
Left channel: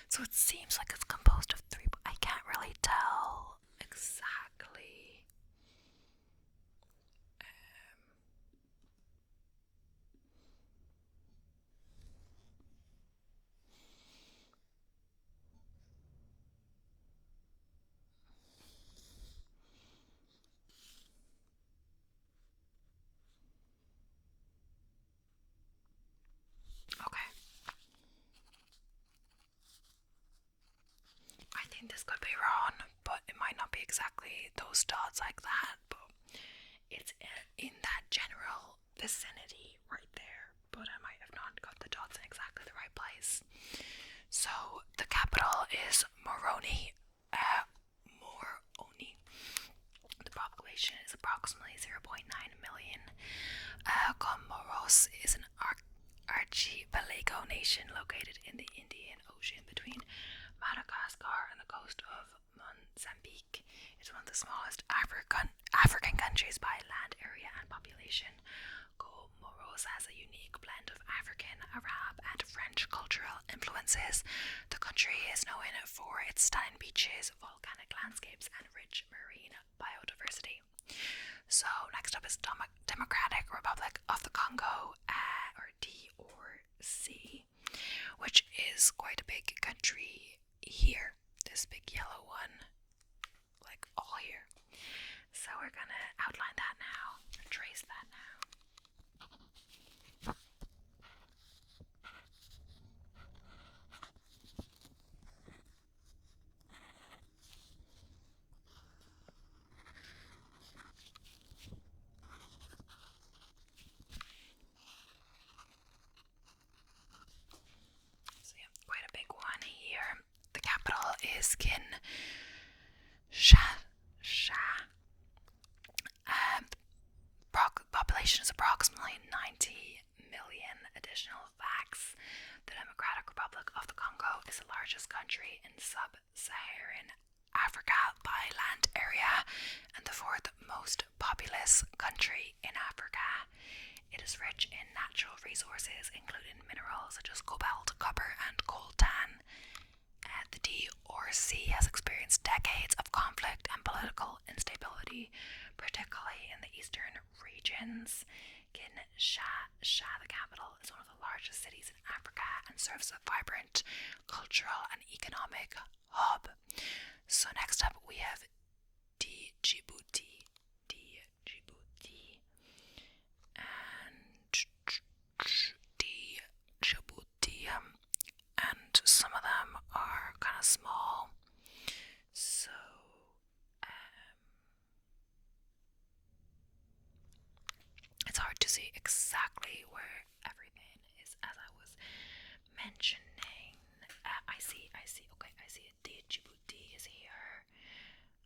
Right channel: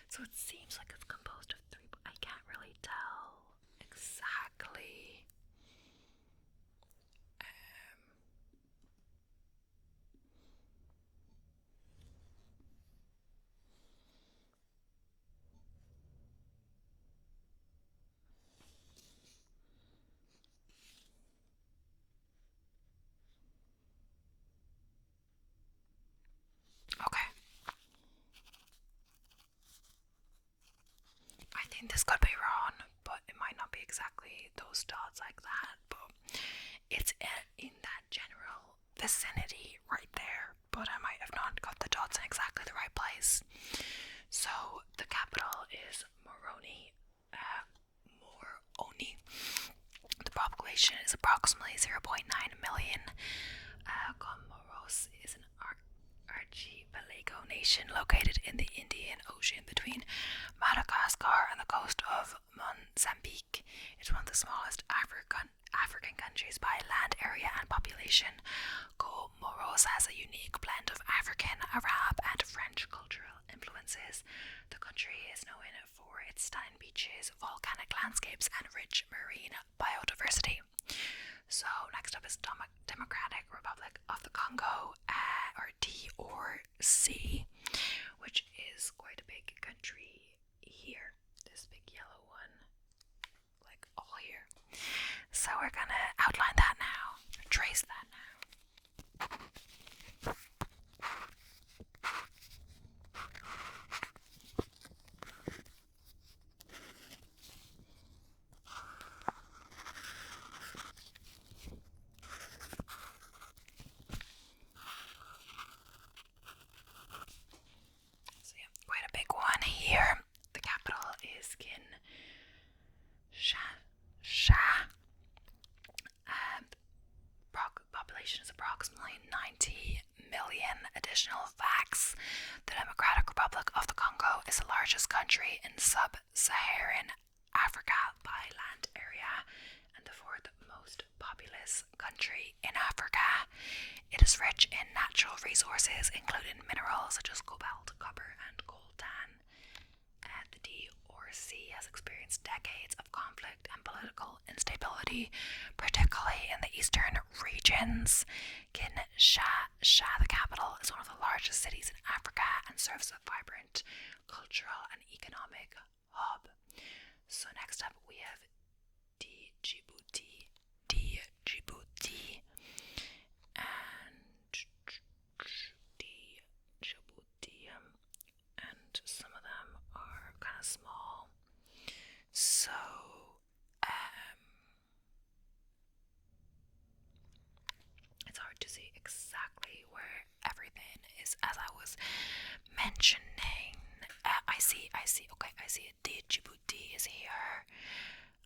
So it seems like it's composed of 3, but I can't really tell exactly. Okay. I think this could be wrong, but it might not be exactly those dots like that, but it's in that general vicinity right there, but I might have not got the dots in exactly the right place. So the capital is Moroni. The population is approximately 0.9 million. Comoros is an archipelago nation located in the Indian Ocean between Madagascar and the coast of Mozambique. It's one of the smallest African countries by land area and population. Comoros has a unique blend of African, Arab, and French cultural influences. The country is known for its stunning beaches, volcanic landscapes, and rich marine biodiversity. So next up is Democratic Republic of the Congo, or DRC, which is quite a big country here. This big yellow one, like all here. So we're gonna outline that now, trace that now. So yeah, quite a big one here. The capital is Kinshasa. Population is approximately 90 million. Additional facts: Republic of the Congo is the largest country in sub-Saharan Africa by land area and the fourth most populous country in Africa. It is rich in natural resources, including minerals such as cobalt, copper, and coltan. The DRC has experienced decades of conflict and political instability, particularly in the eastern regions. Kinshasa, the capital, is one of the largest cities in Africa and serves as a vibrant cultural and economic hub. So next up we have Djibouti, and Djibouti, and some of them are kind of small. So it's hard to see exactly where everything is, as I was mentioning. I see. Okay, I see it. Djibouti is here.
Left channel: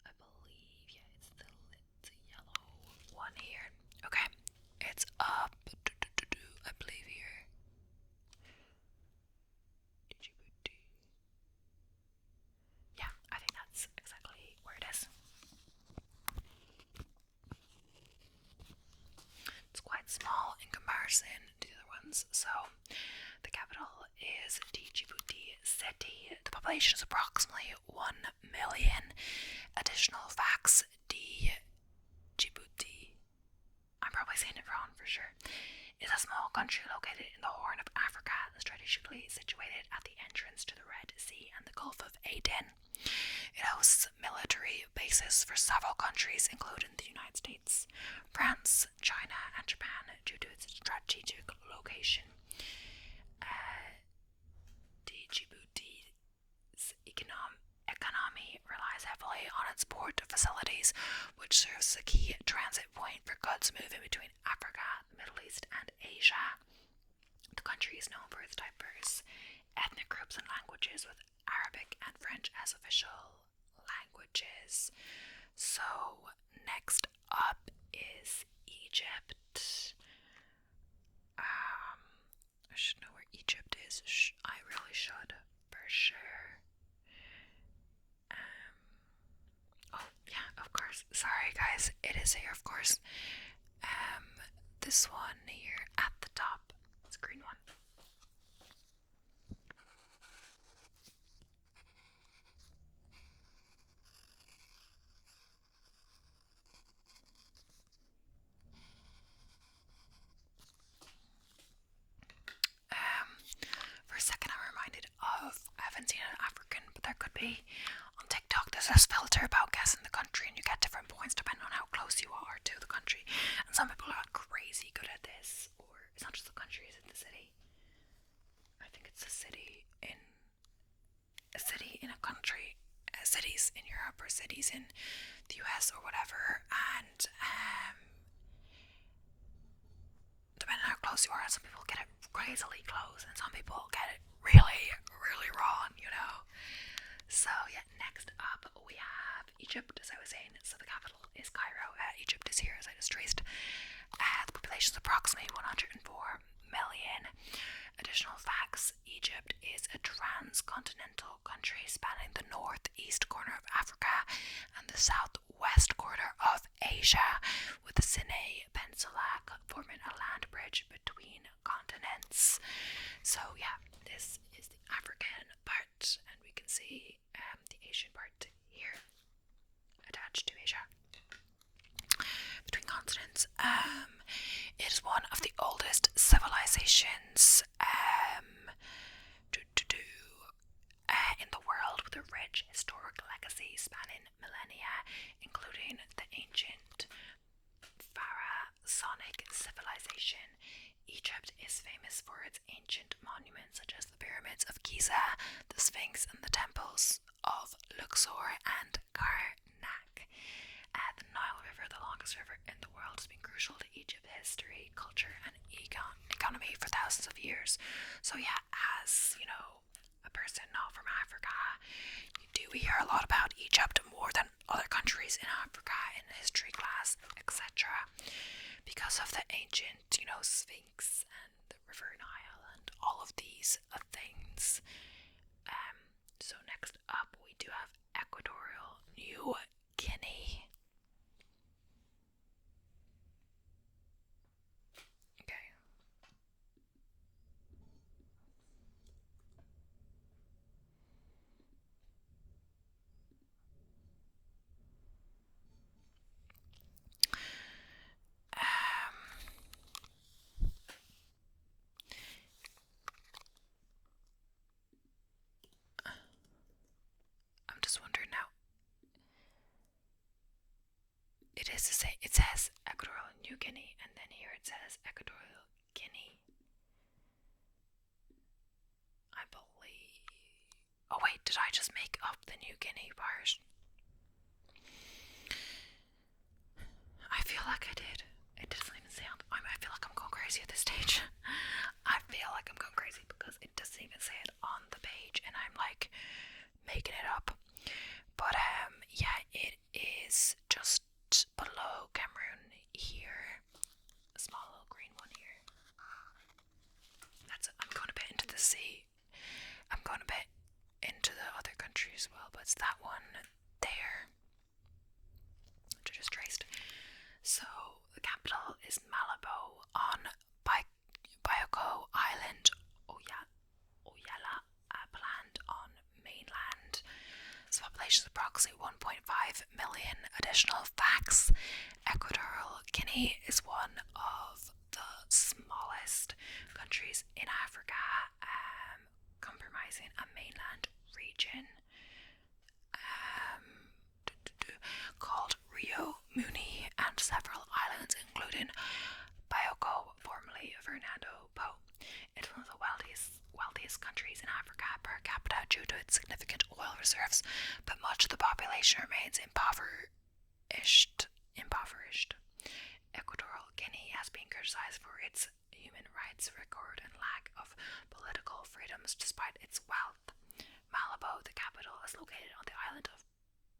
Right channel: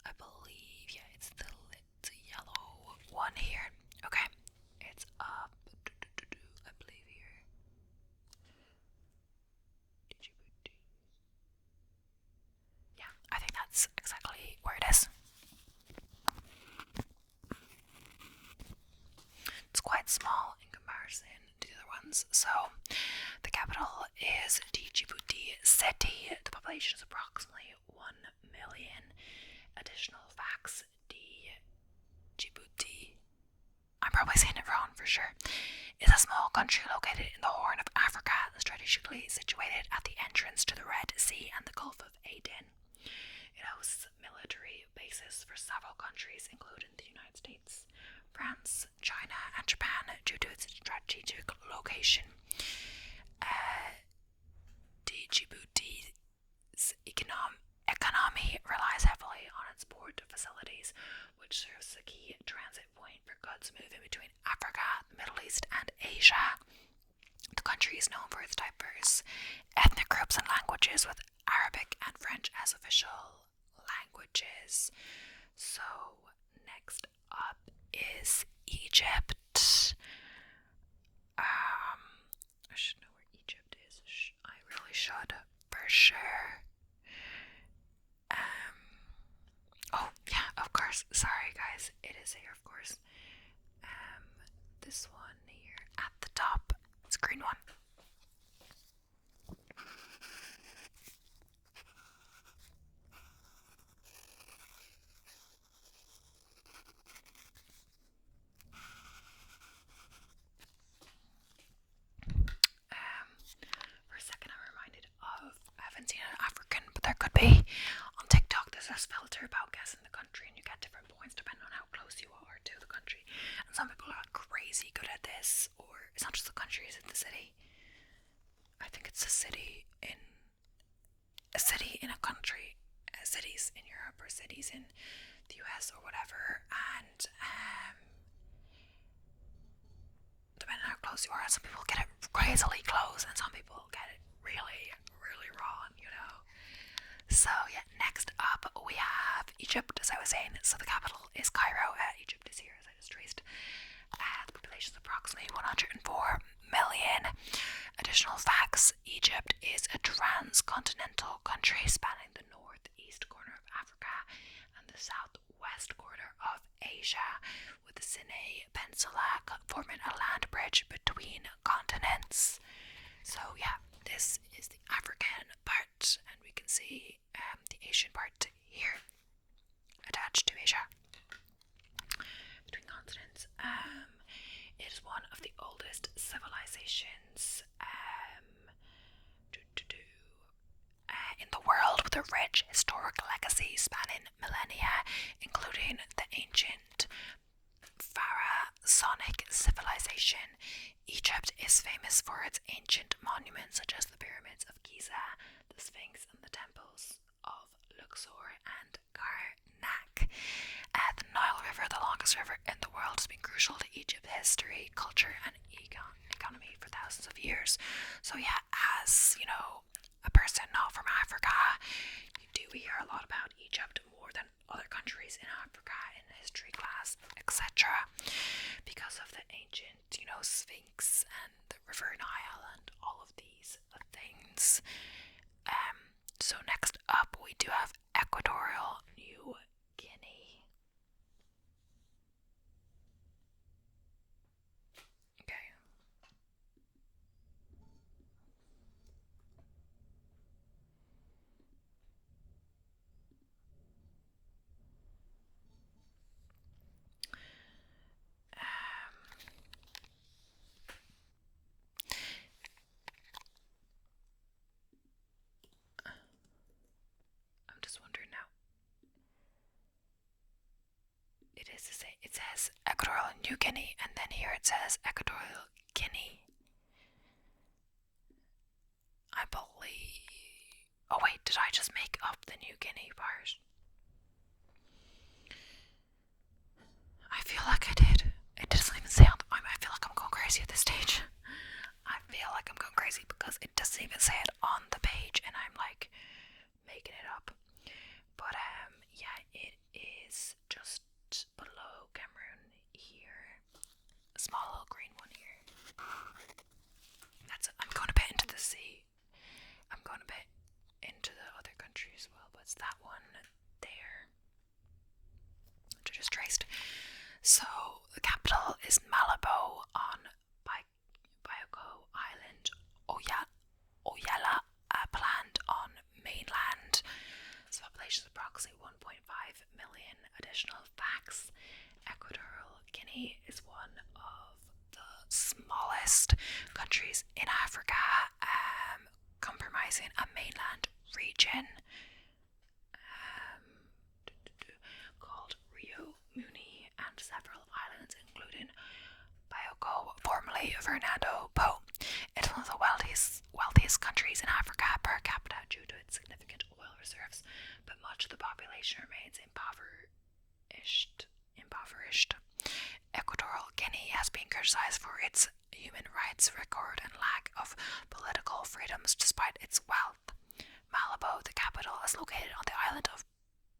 I believe, yeah, it's the yellow one here. Okay, it's up. I believe here. Djibouti. Yeah, I think that's exactly where it is. It's quite small in comparison to the other ones. So, the capital is Djibouti City. The population is approximately 1 million. Additional facts: Djibouti, I'm probably saying it wrong for sure, is a small country located in the Horn of Africa, strategically situated at the entrance to the Red Sea and the Gulf of Aden. It hosts military bases for several countries, including the United States, France, China, and Japan, due to its strategic location. Djibouti's economy relies heavily on its port facilities, which serves as a key transit point for goods moving between Africa, the Middle East, and Asia. The country is known for its diverse ethnic groups and languages, with Arabic and French as official languages. So, next up is Egypt. I should know where Egypt is. I really should, for sure. Oh, yeah, of course. Sorry, guys. It is here, of course. This one here at the top. It's a green one. For a second, I'm reminded of, I haven't seen an African, but there could be. On TikTok, there's this filter about guessing the country, and you get different points depending on how close you are to the country. And some people are crazy good at this, or it's not just the country, it's the city. I think it's a city in a country, cities in Europe or cities in the US or whatever, and depending on how close you are, some people get it crazily close, and some people get it really, really wrong, you know. So yeah, next up we have Egypt, as I was saying. So the capital is Cairo. Egypt is here, as I just traced. The population is approximately 104 million. Additional facts: Egypt is a transcontinental country spanning the northeast corner of Africa and the southwest corner of Asia, with the Sinai Peninsula forming a land bridge between continents. So yeah, this is the African part, and we can see the Asian part here attached to Asia between continents. It is one of the oldest civilizations in the world, with a rich historic legacy spanning millennia, including the ancient Pharaonic civilization. Egypt is famous for its ancient monuments such as the pyramids of Giza, the Sphinx, and the temples of Luxor and Karnak. The Nile River, the longest river in the world, has been crucial to Egypt's history, culture, and economy for thousands of years. So yeah, as you know, a person not from Africa, you do hear a lot about Egypt more than other countries in Africa in history class, etc. Because of the ancient, Sphinx and the River Nile and all of these things. do have Equatorial New Guinea. Okay. I'm just wondering now. It is the same. It says Equatorial New Guinea, and then here it says Equatorial Guinea. I believe. Oh wait, did I just make up the New Guinea part? I feel like I did. It doesn't even say on the, I feel like I'm going crazy at this stage. I feel like I'm going crazy because it doesn't even say it on the page, and I'm like making it up. But yeah, it is just below Cameroon here. A small little green one here. That's it. I'm going a bit into the sea. I'm going a bit into the other country as well, but it's that one there. Which I just traced. So the capital is Malabo on Bioko Island, Oyala Land on mainland. Its population is approximately 1.5 million. Additional facts: Equatorial Guinea is one of the smallest countries in Africa, comprising a mainland region called Rio Muni and several islands, including Bioko, formerly Fernando Po. It's one of the wealthiest countries in Africa per capita due to its significant oil reserves, but much of the population remains impoverished. Equatorial Guinea has been criticized for its human rights record and lack of political freedoms despite its wealth. Malabo, the capital, is located on the island of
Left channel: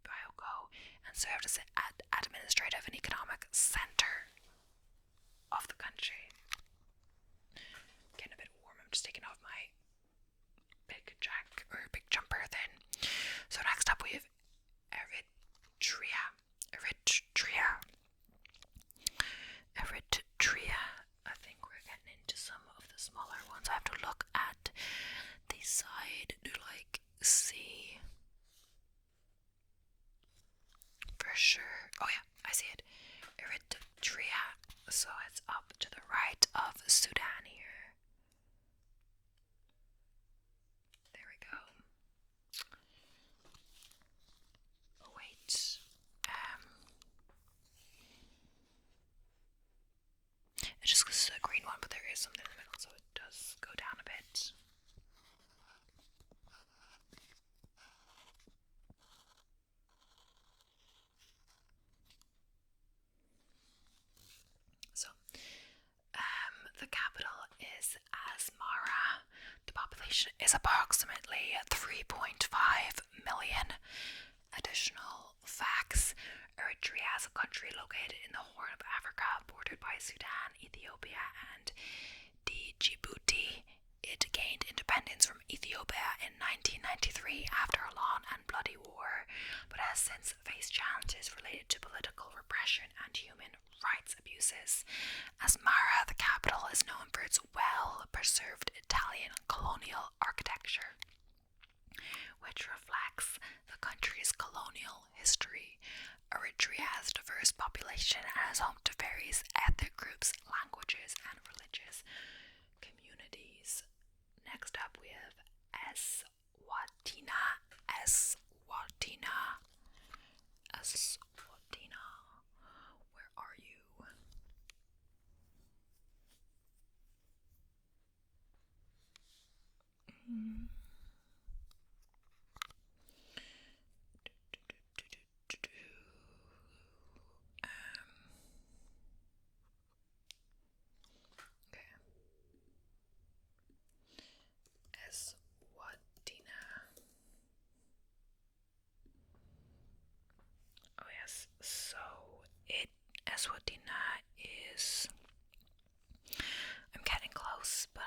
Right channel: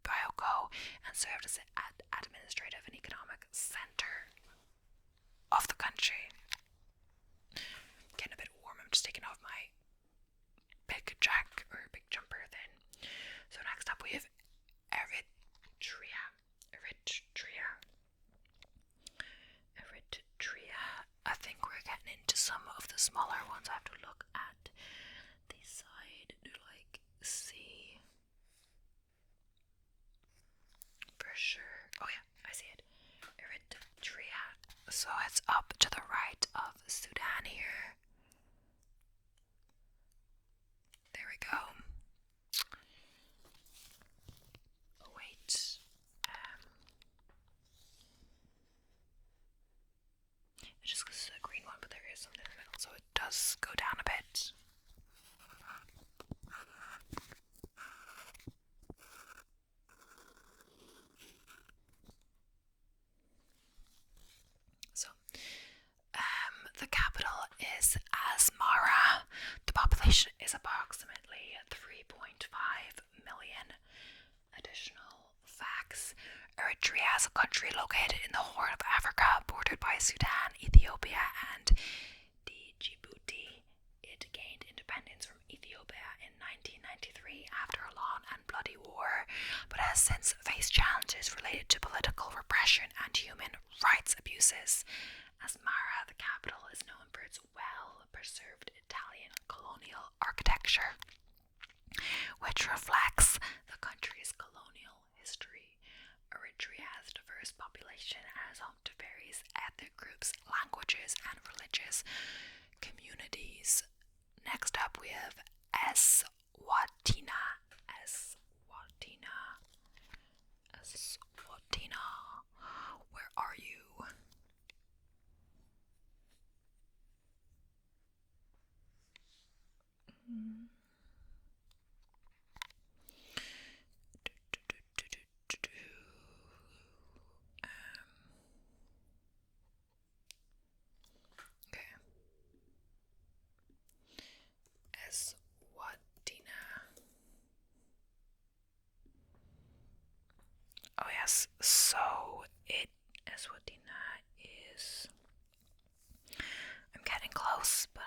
Bioko and served as an administrative and economic center of the country. Getting a bit warm. I'm just taking off my big jumper then. So next up we have Eritrea. I think we're getting into some of the smaller ones. I have to look at the side to like see for sure. Oh yeah, I see it. Eritrea. So it's up to the right of Sudan here. There we go. Oh wait. It's just because it's a green one, but there is something in the middle, so it does go down a bit. So, the capital is Asmara. The population is approximately 3.5 million. Additional facts: Eritrea is a country located in the Horn of Africa, bordered by Sudan, Ethiopia, and Djibouti. It gained independence from Ethiopia in 1993 after a long and bloody war, but has since faced challenges related to political repression and human rights abuses. Asmara, the capital, is known for its well-preserved Italian colonial architecture, which reflects the country's colonial history. Eritrea has a diverse population and is home to various ethnic groups, languages, and religious communities. Next up, we have Eswatini. Where are you? Okay. Eswatini. Oh yes, so Eswatini is. I'm getting close, but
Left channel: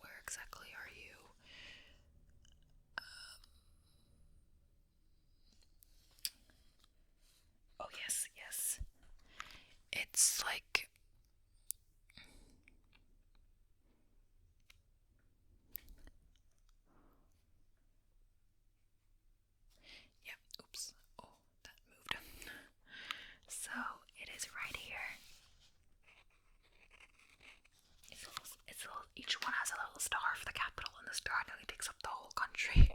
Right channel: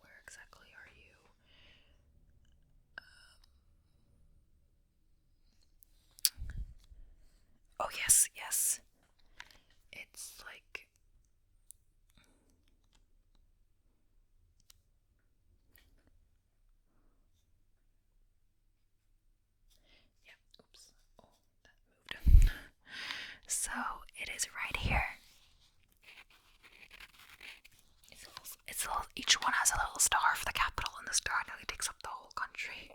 where exactly are you? each one has a little star for the capital, and the star nearly takes up the whole country.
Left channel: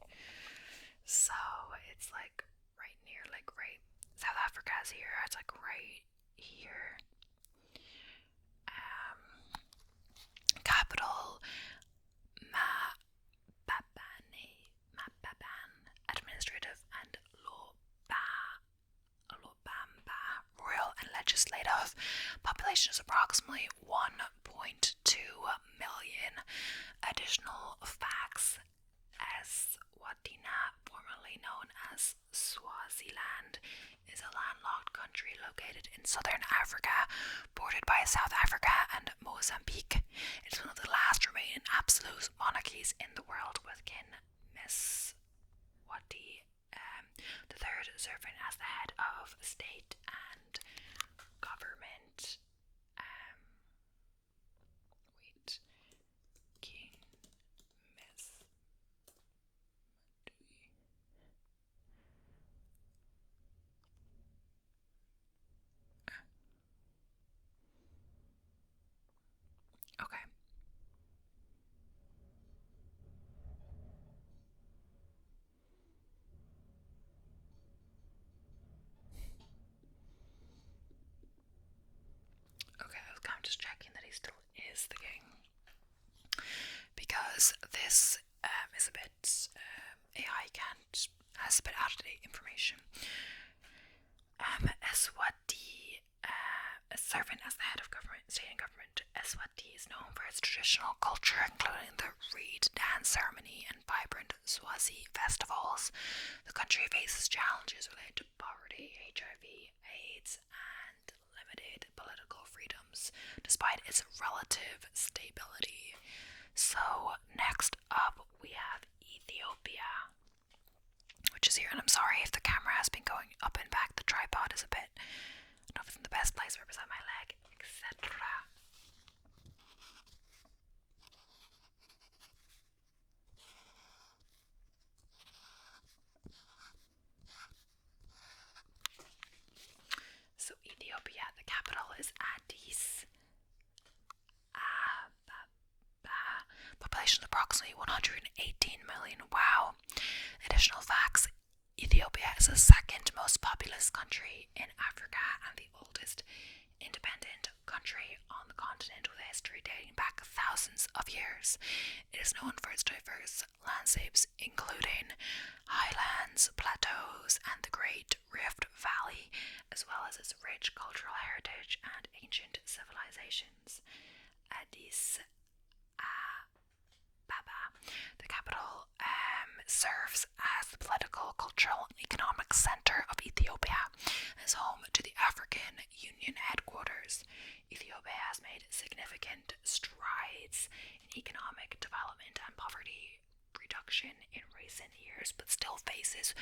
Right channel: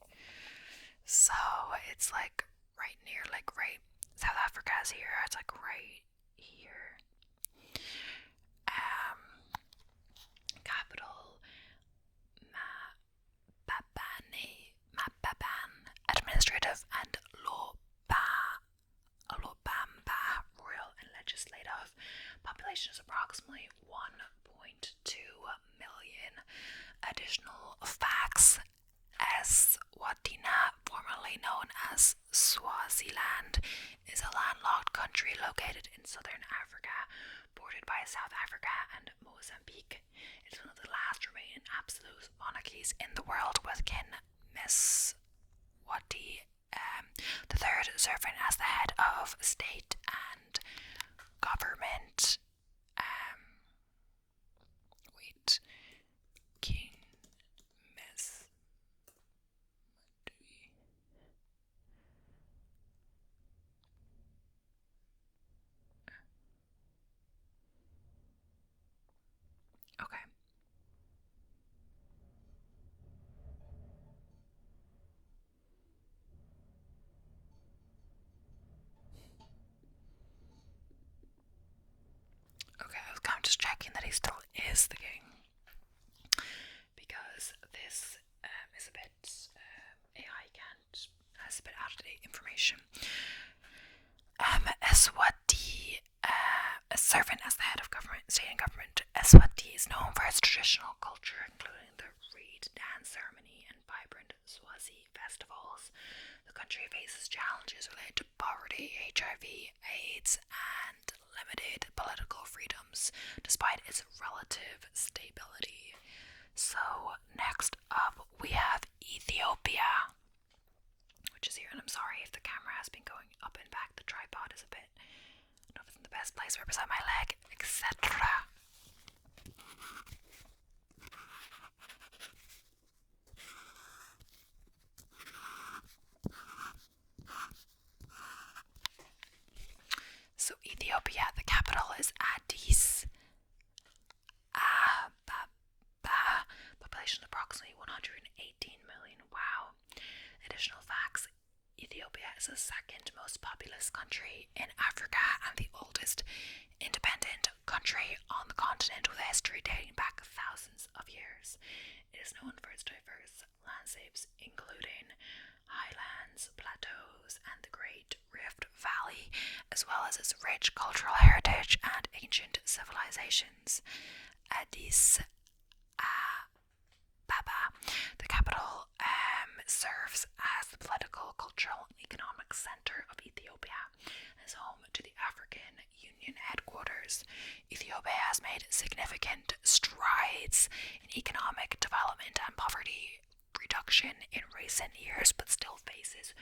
So it's like right near, like right, South Africa's here, it's like right here. Capital Mababan, administrative and Lobamba, royal and legislative. Population is approximately 1.2 million. Additional facts: Eswatini, formerly known as Swaziland, is a landlocked country located in southern Africa, bordered by South Africa and Mozambique. It is one of the last remaining absolute monarchies in the world, with King Mswati the third serving as the head of state and government. King Mswati. Okay. Okay, I'm just checking that he still is the king, because this is a bit AI has a bit out of date information. Eswati, serving as the head of government, state and government, Eswati is known for its traditional culture, including the reed dance ceremony and vibrant Swazi festivals. The country faces challenges related to poverty, HIV, AIDS, and limited political freedoms, despite its relative stability. So next up we have Ethiopia, which is here, and I'm sorry if the camera has been going up and back. The tripod is a bit, I don't know if it's in the best place right beside my leg, etc. So Ethiopia, the capital is Addis Ababa. Population is approximately 118 million. Wow. Additional facts: Ethiopia is the second most populous country in Africa and the oldest independent country on the continent, with a history dating back thousands of years. It is known for its diverse landscapes, including highlands, plateaus, and the Great Rift Valley, as well as its rich cultural heritage and ancient civilizations. Addis Ababa, the capital, serves as the political, cultural, and economic center of Ethiopia and is home to the African Union headquarters. Ethiopia has made significant strides in economic development and poverty reduction in recent years, but still faces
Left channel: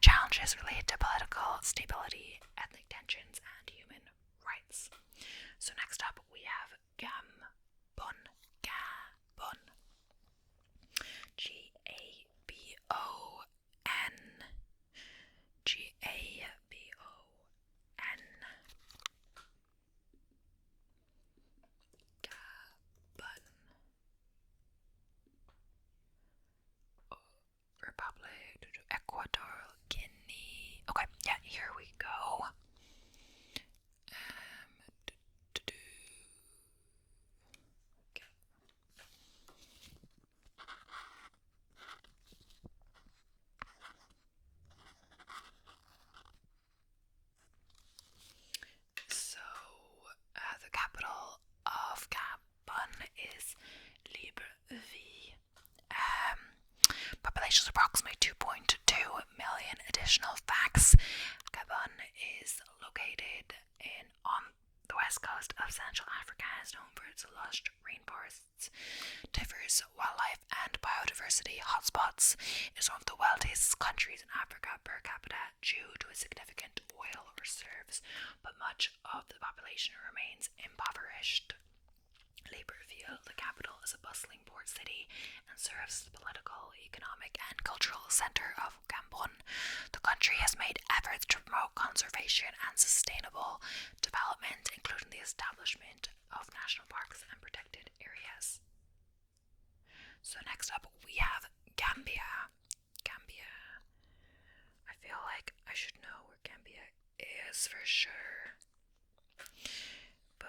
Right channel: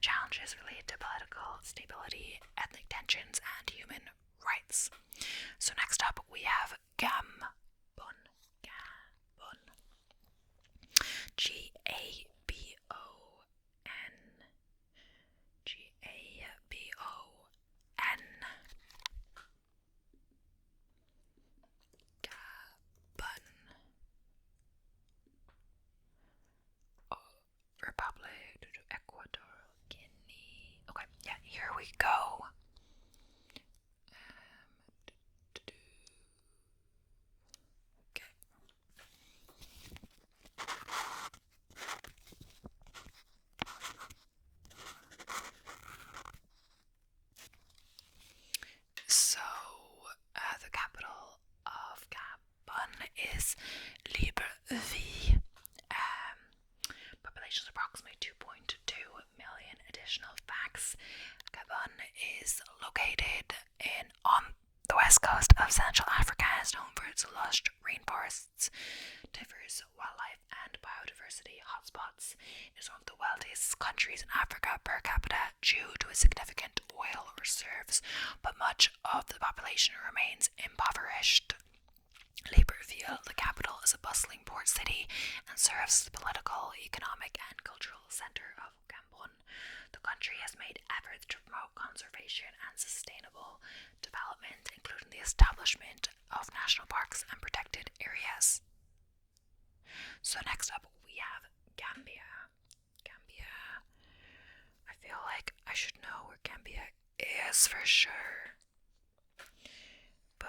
challenges related to political stability, ethnic tensions, and human rights. So next up we have Gabon. Gabon. Gabon. Republic, Ecuador, Guinea. Okay, yeah, here we go. Okay. So, the capital of Gabon is Libreville. Population is approximately 2.2 million. Additional facts: Gabon is located on the west coast of Central Africa and is known for its lush rainforests, diverse wildlife, and biodiversity hotspots. It is one of the wealthiest countries in Africa per capita due to its significant oil reserves, but much of the population remains impoverished. Libreville, the capital, is a bustling port city and serves as the political, economic, and cultural center of Gabon. The country has made efforts to promote conservation and sustainable development, including the establishment of national parks and protected areas. So next up we have Gambia. Gambia. I feel like I should know where Gambia is for sure. But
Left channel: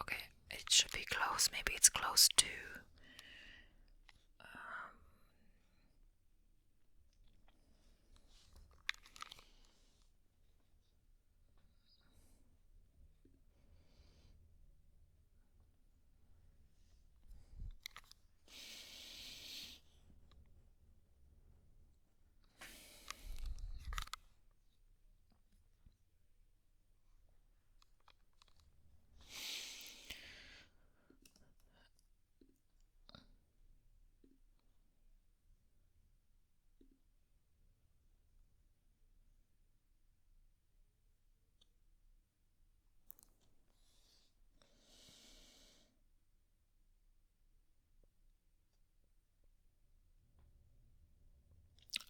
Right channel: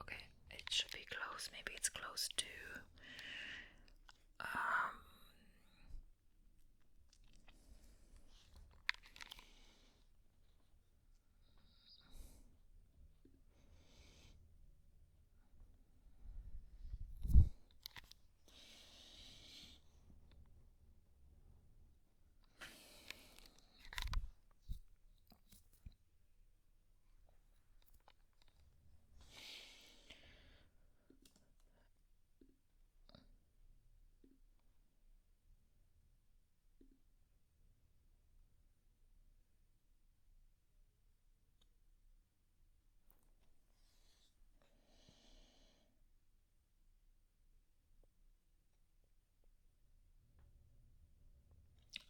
okay, it should be close. Maybe it's close to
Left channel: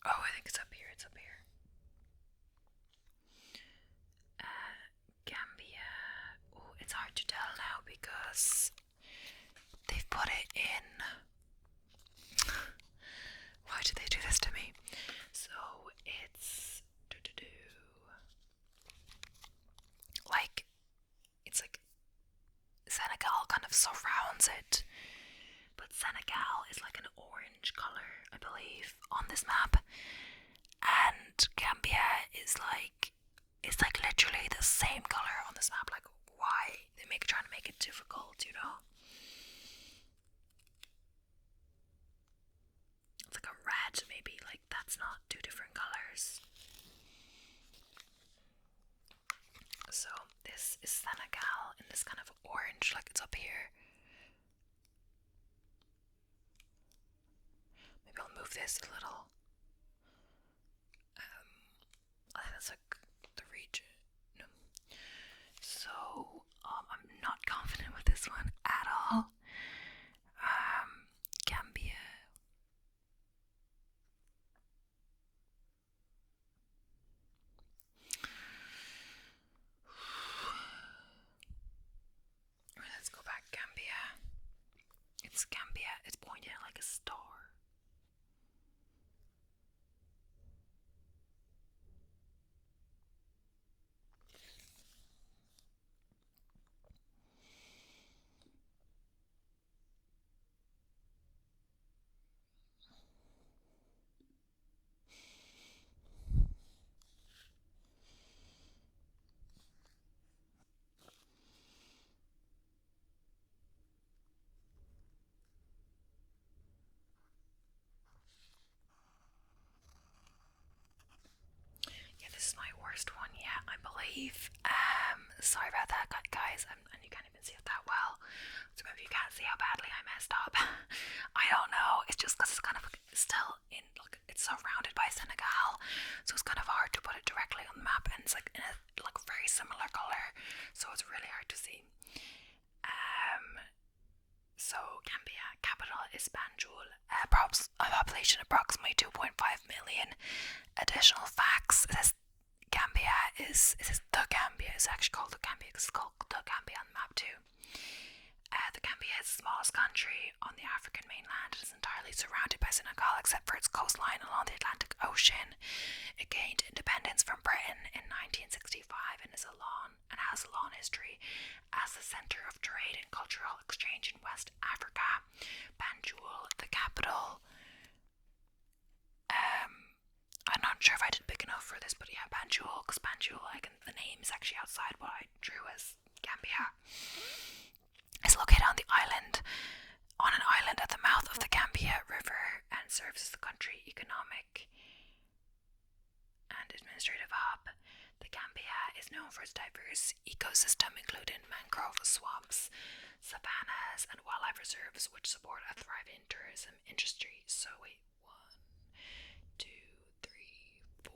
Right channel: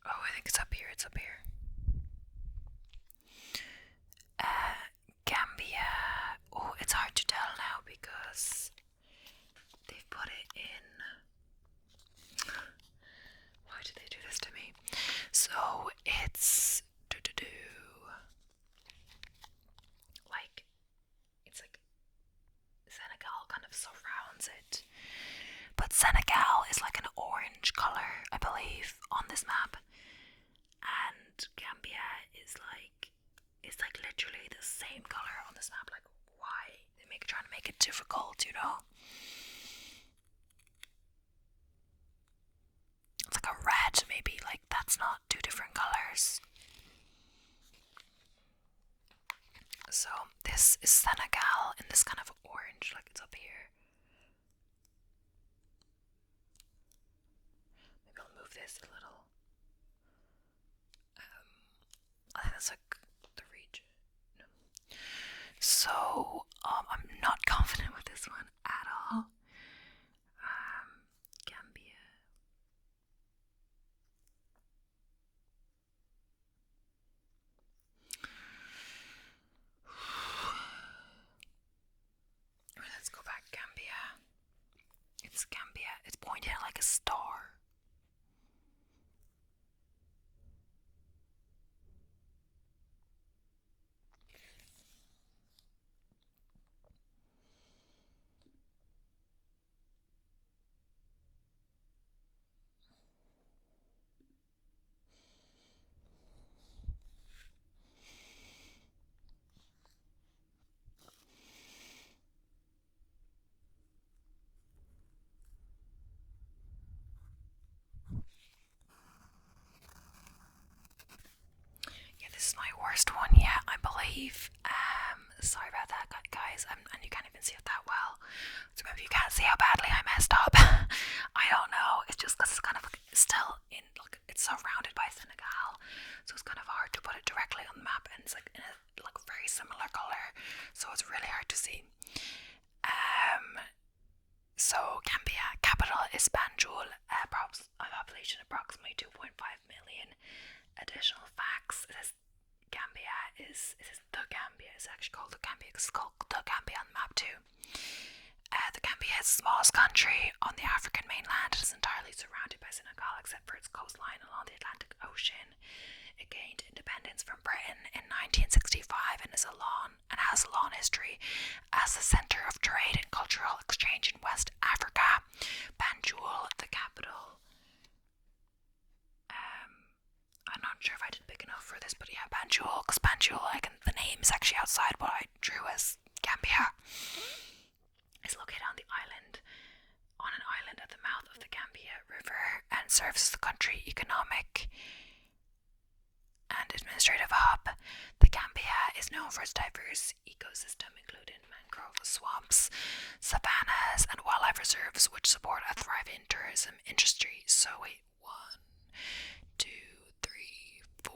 oh, I think it's up here. It's up here. Gambia. Oh, it's hard to tell now because they've put it in. Why did they do this to me? So it's like it's like Senegal kind of surrounds it, but Senegal is like an orange color, I believe, on this map, and Gambia is like it's like literally the same color on this map. Like, why they trying to make it difficult, you know? It's like a red, maybe. Like, that's not two different colors. So this is Senegal in this kind of orange, like it's up here. Maybe I'll move this a little. I think that's like the region. No. So I'm not confident with this one at all. Gambia. Let's go back. Gambia. It's Gambia. It's pointing at like a star. Yeah, this is my worst one yet, I believe. Sorry about that, guys. And you can't even see it that well. So maybe you can't see how badly I messed up. I don't know. It's just because it's kind of still in, like, it's surrounded by Senegal, so it's kind of hard to put it directly on the map, and it's like in a like very similar color, so it's really hard to see. So Gambia, capital is Banjul, a population approximately 2.5 million. Additional facts: this Gambia is the Gambia. It's actually called the Gambia because it's called the Gambia on the map too. The Gambia is the smallest country on the African mainland. It is entirely surrounded by Senegal except for its coastline along the Atlantic Ocean. It gained independence from Britain in 1965 and has a long history as a centre of trade and cultural exchange in West Africa. Banjul, the capital. I'm not sure if I did big enough for this, but yeah, Banjul, because Banjul, the name is actually outside what I drew as Gambia. It's located on an island at the mouth of the Gambia River, and serves as the country economic and administrative hub. The Gambia is known for its diverse ecosystem, including mangrove swamps, savannas, and wildlife reserves, which support a thriving tourism industry. So wait, 1, 2, 3, 4,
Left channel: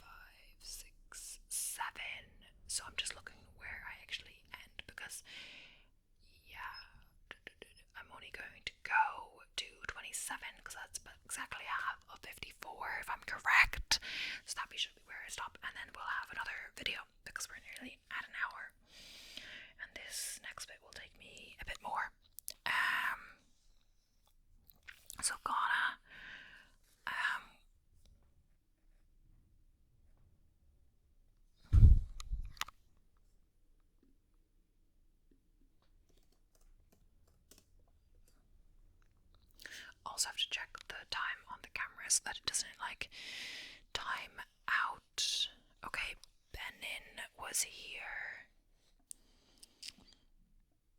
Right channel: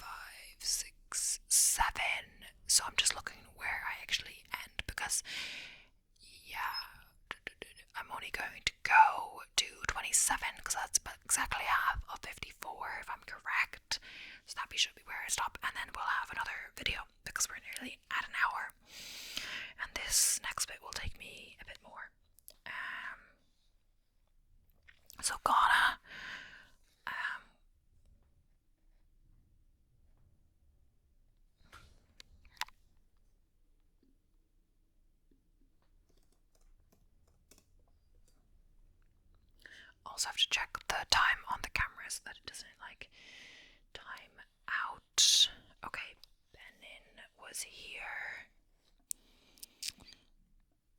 5, 6, 7. So I'm just looking where I actually end, because because, yeah, I'm only going to go to 27 because that's exactly half of 54 if I'm correct. So that should be where I stop, and then we'll have another video because we're nearly at an hour. And this next bit will take me a bit more. So Ghana, also have to check the time on the camera so that it doesn't like time out. Okay, Benin was here,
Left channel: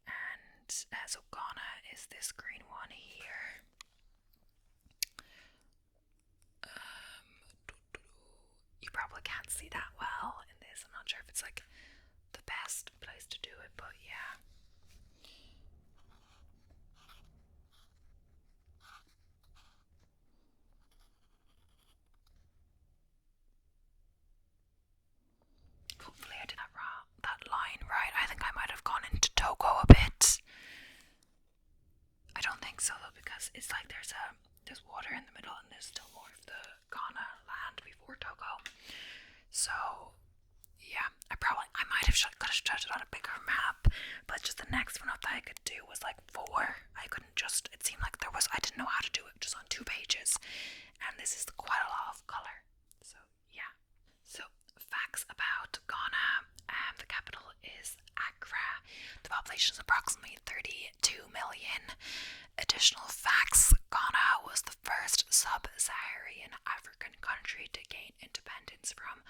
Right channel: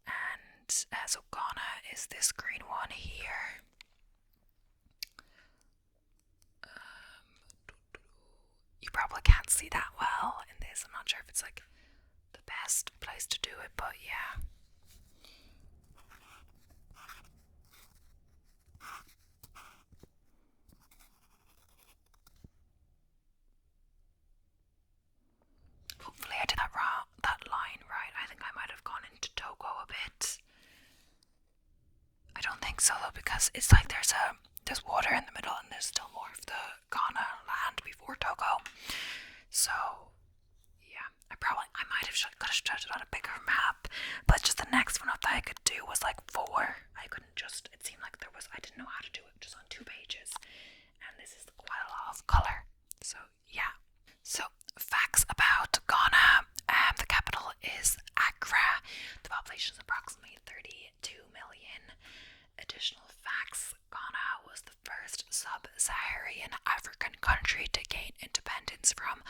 and so Ghana is this green one here. You probably can't see that well in this. I'm not sure if it's like the best place to do it, but yeah. Hopefully I did that line right. I think I might have gone into Togo a bit. I don't think so though, because it's like there's water in the middle and there's still more of the Ghana land before Togo. So yeah, I might have could have judged it on a bigger map, but just the next one up that I could do was like 4. I couldn't just, it seemed like I didn't know how to do it just on 2 pages, and this is quite a lot of color. So yeah. So facts about Ghana. The capital is Accra. The population is approximately 32 million. Additional facts: Ghana was the first sub-Saharan African country to gain independence from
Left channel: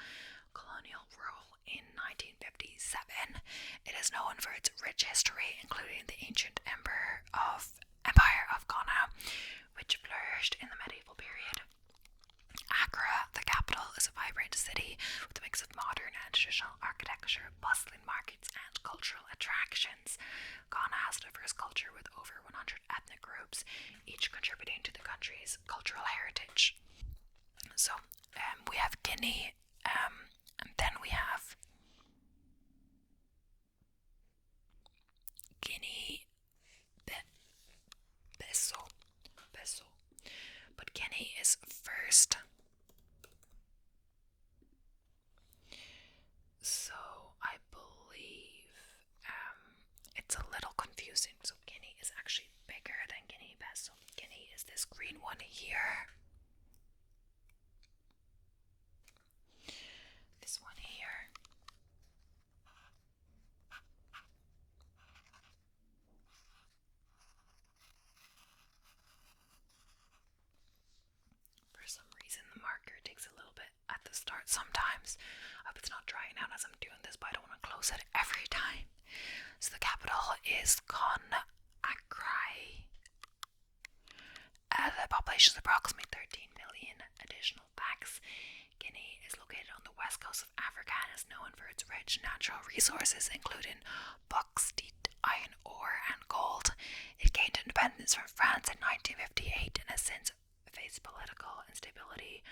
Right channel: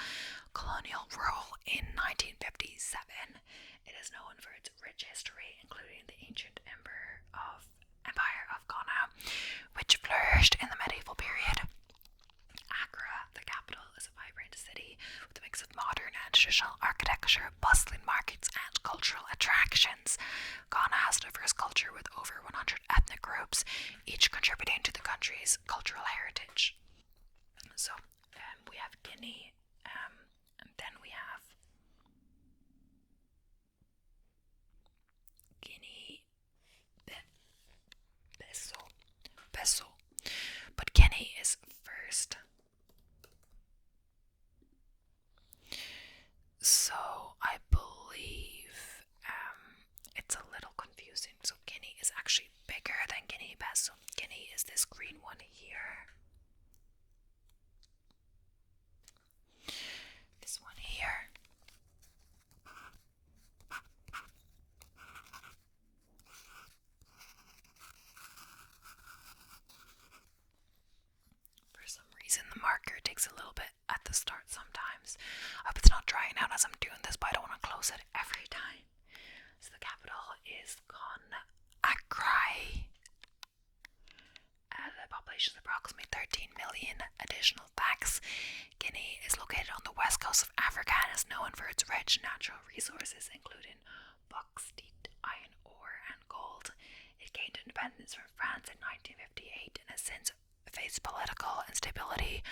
colonial rule in 1957. It is known for its rich history, including the ancient Empire of Ghana, which flourished in the medieval period. Accra, the capital, is a vibrant city with a mix of modern and traditional architecture, bustling markets, and cultural attractions. Ghana has a diverse culture with over 100 ethnic groups, each contributing to the country's cultural heritage. So, we have Guinea, and then we have Guinea-Bissau. But Guinea is first. So I believe it's a little confusing. So Guinea is actually bigger than Guinea-Bissau. Guinea is this green one here. This one here. For some reason the marker takes a little bit at the start sometimes. I hope it's not drying out as I'm doing this, but I don't want to close it every time. So the capital is Conakry. The population is approximately 13 million. Additional facts: Guinea is located on the west coast of Africa and is known for its rich natural resources, including bauxite, iron ore, and gold. It gained independence from France in 1958 and has since faced political instability,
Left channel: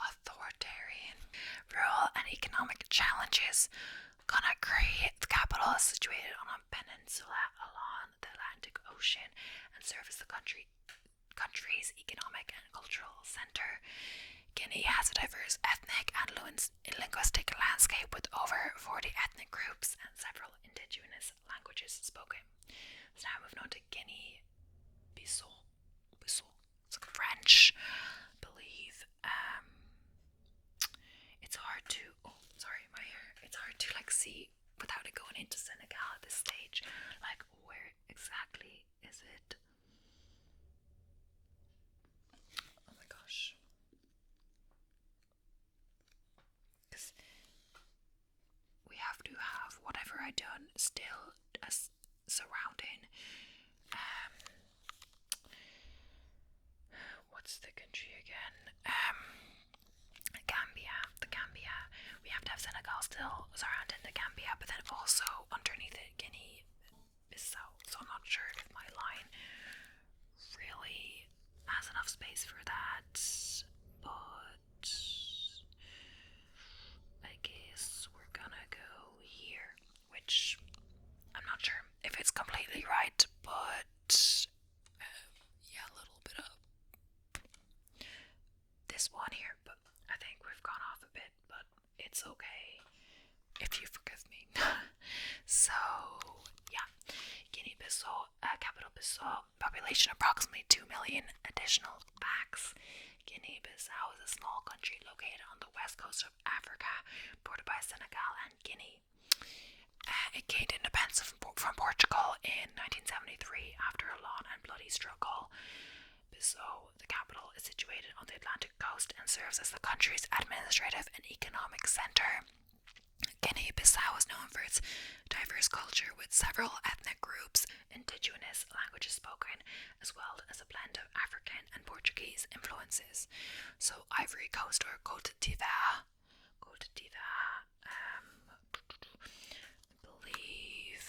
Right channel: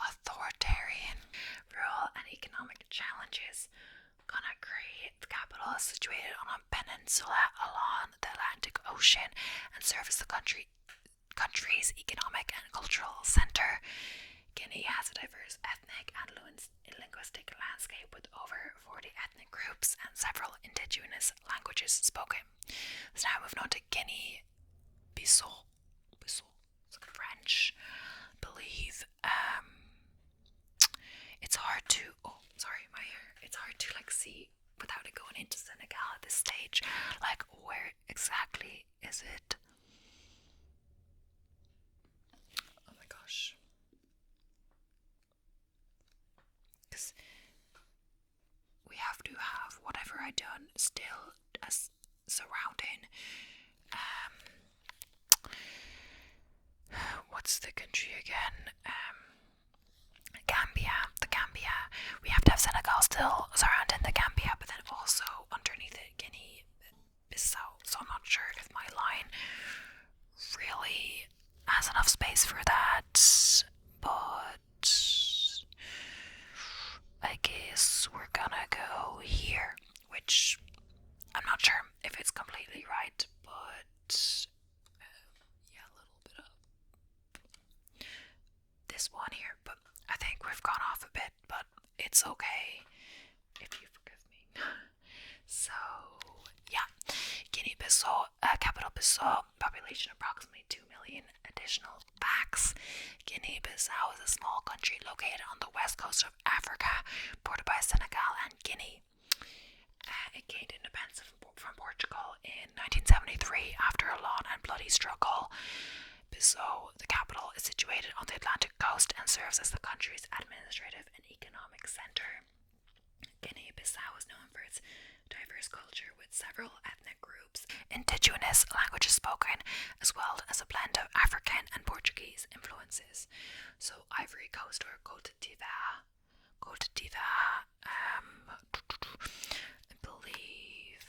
authoritarian rule, and economic challenges. Conakry, the capital, is situated on a peninsula along the Atlantic Ocean and serves the country's economic and cultural center. Guinea has a diverse ethnic and linguistic landscape with over 40 ethnic groups and several indigenous languages spoken. So now moving on to Guinea-Bissau. It's like French, I believe. It's hard to, my hair. It's hard to like see without it going into Senegal at this stage. Like, where exactly is it? Oh my gosh. Because we have to have whatever I done still as surrounding. What's the country again? Gambia. We have to have Senegal still surrounding the Gambia, but then also underneath it, Guinea-Bissau. So I'm not sure if my line really has enough space for that, but I guess we're gonna go here, which if it's completely right, but yeah, a little bit of this one here, but I think we've gone off a bit, but it's okay if you forgive me. So, yeah, Guinea-Bissau, capital Bissau, population approximately 2 million. Additional facts: Guinea-Bissau is a small country located on the west coast of Africa, bordered by Senegal and Guinea. It gained independence from Portugal in 1973 after a long and bloody struggle. Bissau, the capital, is situated on the Atlantic coast and serves as the country's administrative and economic center. Guinea-Bissau is known for its diverse culture with several ethnic groups, indigenous languages spoken, as well as a blend of African and Portuguese influences. So Ivory Coast or Côte d'Ivoire, I believe,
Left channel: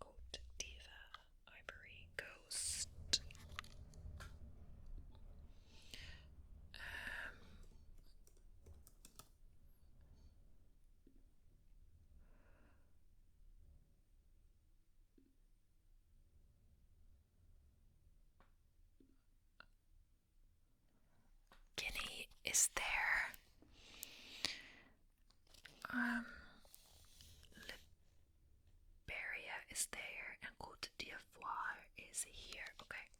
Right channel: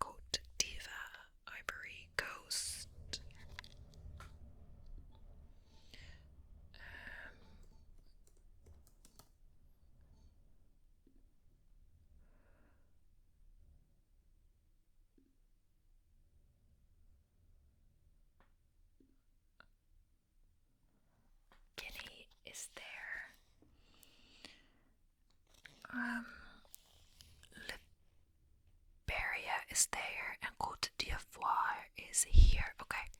Côte d'Ivoire, Ivory Coast. Guinea is there. Liberia is there, and Côte d'Ivoire is here. Okay.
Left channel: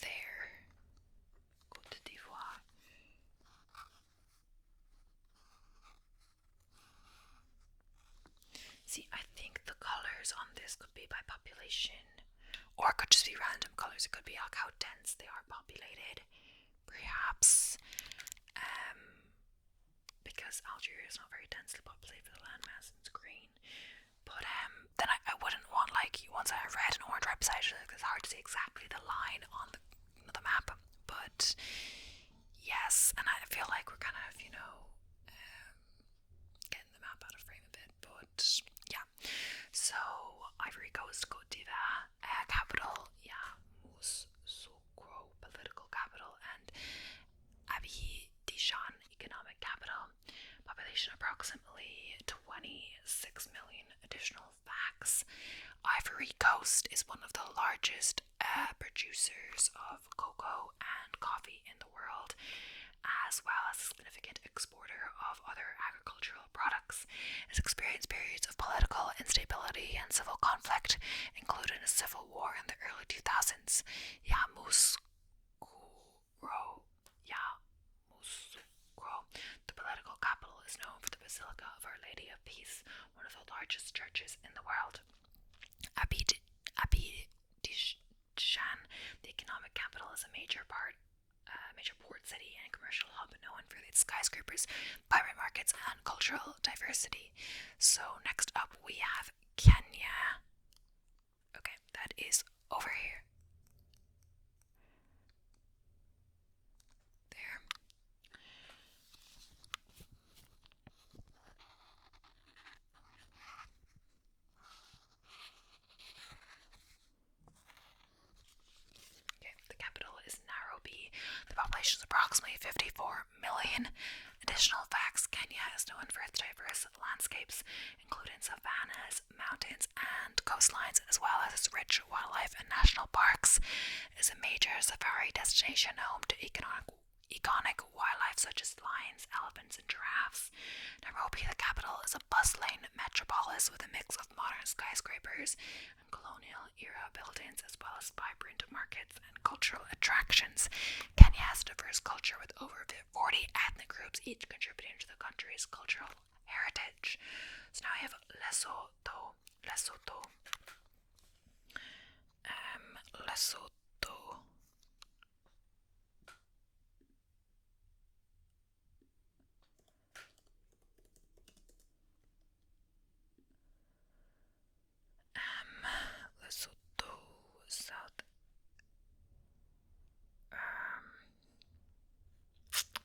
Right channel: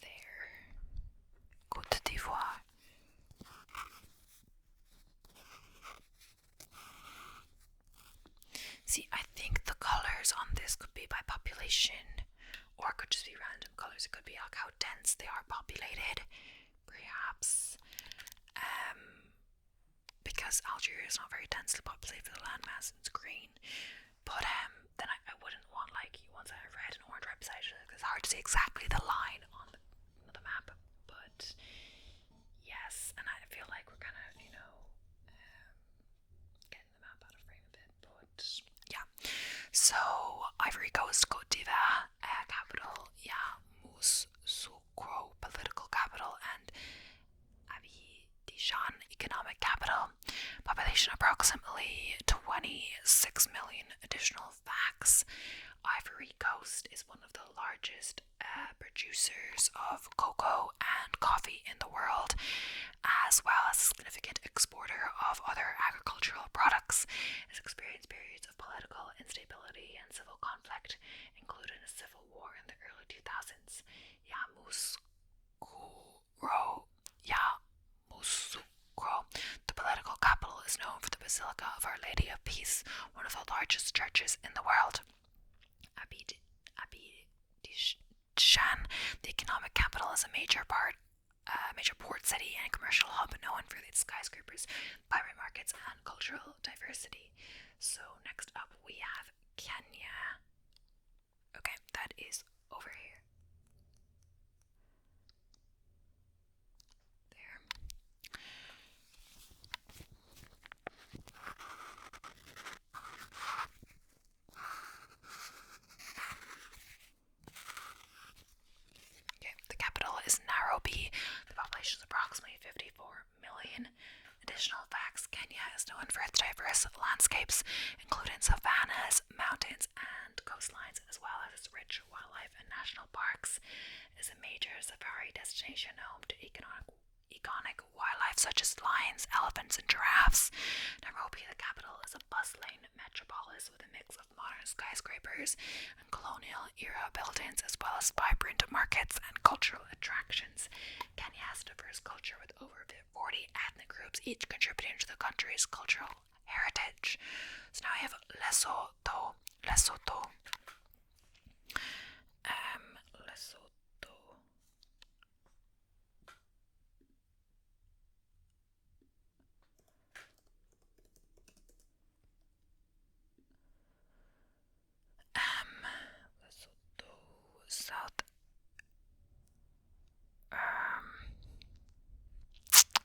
There. Côte d'Ivoire. See, I think the colors on this could be by population, or it could just be random colors. It could be like how dense they are populated, perhaps. Because Algeria is not very densely populated for the landmass, it's green. But then I wouldn't want like once I have red and orange right beside it, it's hard to see exactly the line on the map. But yes, and I feel like we're kind of getting the map out of frame a bit. But yeah, so Ivory Coast, Côte d'Ivoire, capital, yeah, Moussoukro, political capital, and Abidjan, economic capital. Population approximately 26 million. Additional facts: Ivory Coast is one of the largest producers of cocoa and coffee in the world, as well as a significant exporter of other agricultural products. It has experienced periods of political instability and civil conflict, including a civil war in the early 2000s. Yamoussoukro, the political capital, is known for the Basilica of Our Lady of Peace, one of the largest churches in the world. Abidjan, the economic capital, is a major port city and commercial hub known for its skyscrapers, vibrant markets, and cultural diversity. So next up we have Kenya. Okay, that is over here. There. Okay, the capital is Nairobi. The population is approximately 54 million. Additional facts: Kenya is known for its diverse landscapes, including savannas, mountains, and coastlines, as well as its rich wildlife and national parks. It is a major safari destination home to iconic wildlife such as lions, elephants, and giraffes. Nairobi, the capital, is a bustling metropolis with a mix of modern skyscrapers and colonial-era buildings, as well as vibrant markets and cultural attractions. Kenya has a diverse culture with over 40 ethnic groups, each contributing to the country's cultural heritage. So now I have Lesotho. Lesotho. Lesotho, South.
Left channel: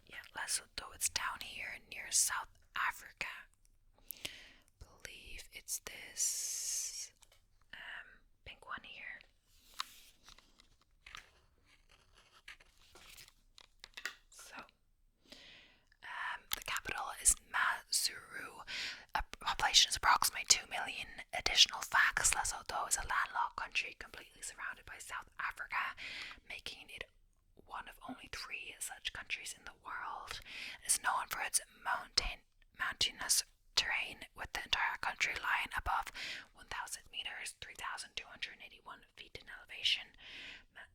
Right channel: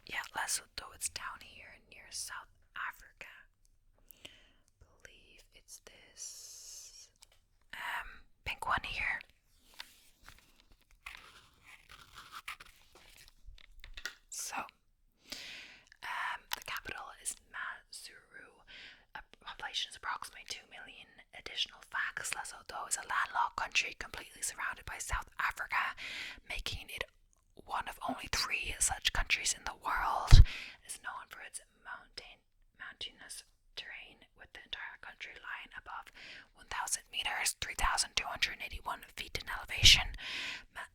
Yeah, Lesotho. It's down here near South Africa. Believe it's this pink one here. So, mountainous terrain, with the entire country lying above 1,000 meters, 3,281 feet in elevation.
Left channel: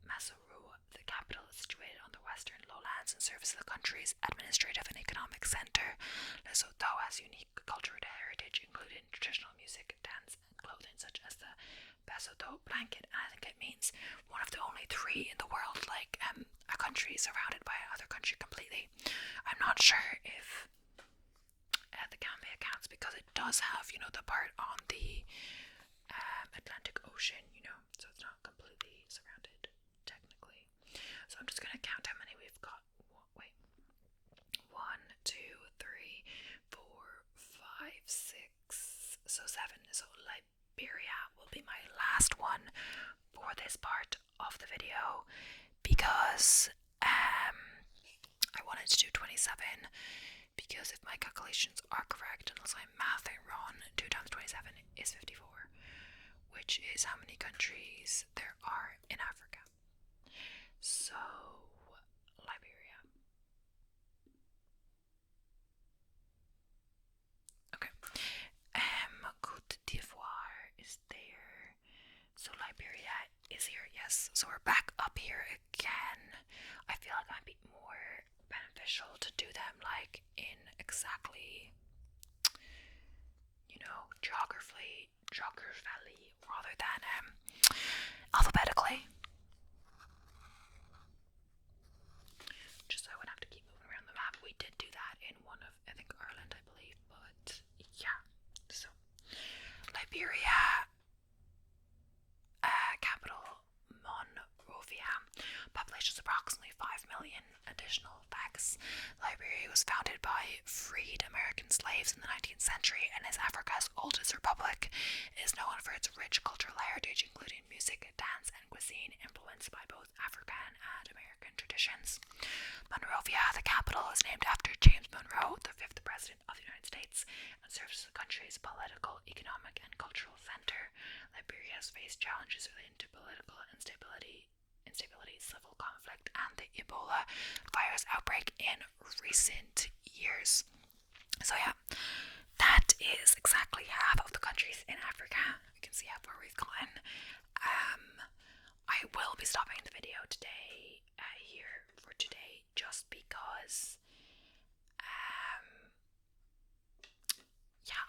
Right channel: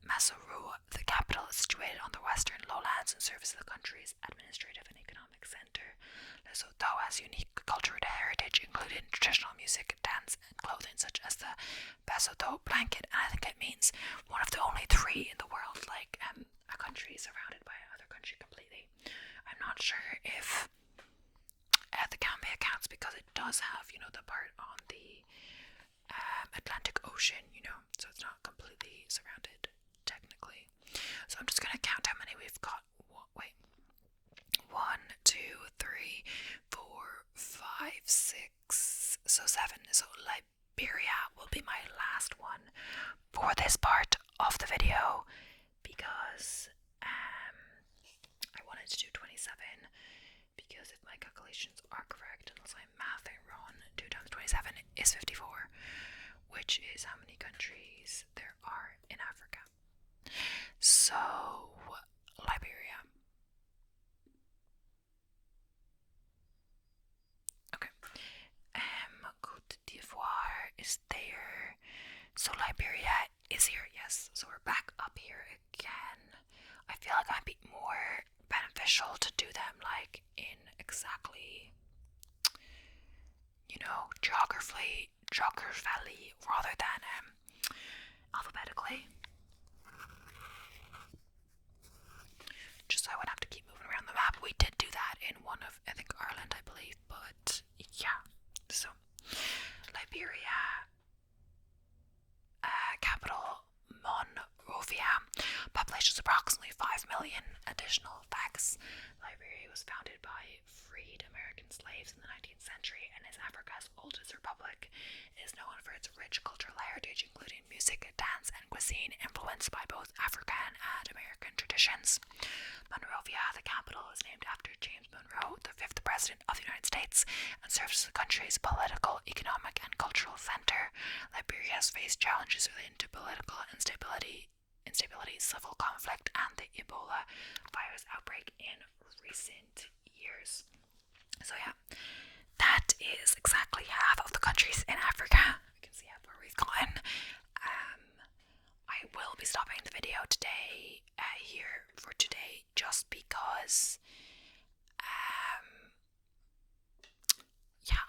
Maseru, the capital, is situated on the western lowlands and serves as the country's administrative and economic center. Lesotho has unique cultural heritage, including traditional music, dance, and clothing such as the Basotho blanket, and I think it means one of the only 3 in the world, like a country surrounded by another country completely. I'm not sure if the Gambia counts, because it does have, the part on the Atlantic Ocean, so it's not completely surrounded technically. So I'm just gonna count how many we've got. Wait, 1, 2, 3, 4, 5, 6, so 7. So Liberia will be my last one for this part of the video, because I wanted to do 27, because if my calculations are correct, unless I'm mathing wrong, 2 times 27 is 54, which is how many countries there are in Africa. So, Liberia. Okay. Côte d'Ivoire is there. So Liberia is here, yes. So we're back up here again. I feel like it might be more beneficial to do them like in exactly, geographically rather than alphabetically. Just so I wouldn't have to keep moving around the map. We did do that in one of, I think, Ireland, I believe, but yeah. So Liberia, capital Monrovia, population is approximately 5 million. Additional facts: Liberia was founded by freed American slaves in the 19th century and is Africa's oldest republic. It is known for its rich cultural heritage, including music, dance, and cuisine influenced by both African and American traditions. Monrovia, the capital, is named after James Monroe, the 5th President of the United States, and serves as the country's political, economic, and cultural center. Liberia has faced challenges relating to political instability, civil conflict, and the Ebola virus outbreak in recent years. So yeah, that is exactly half of the countries in Africa. You can see how far we've gotten. I will be stopping the video today, here for today, just because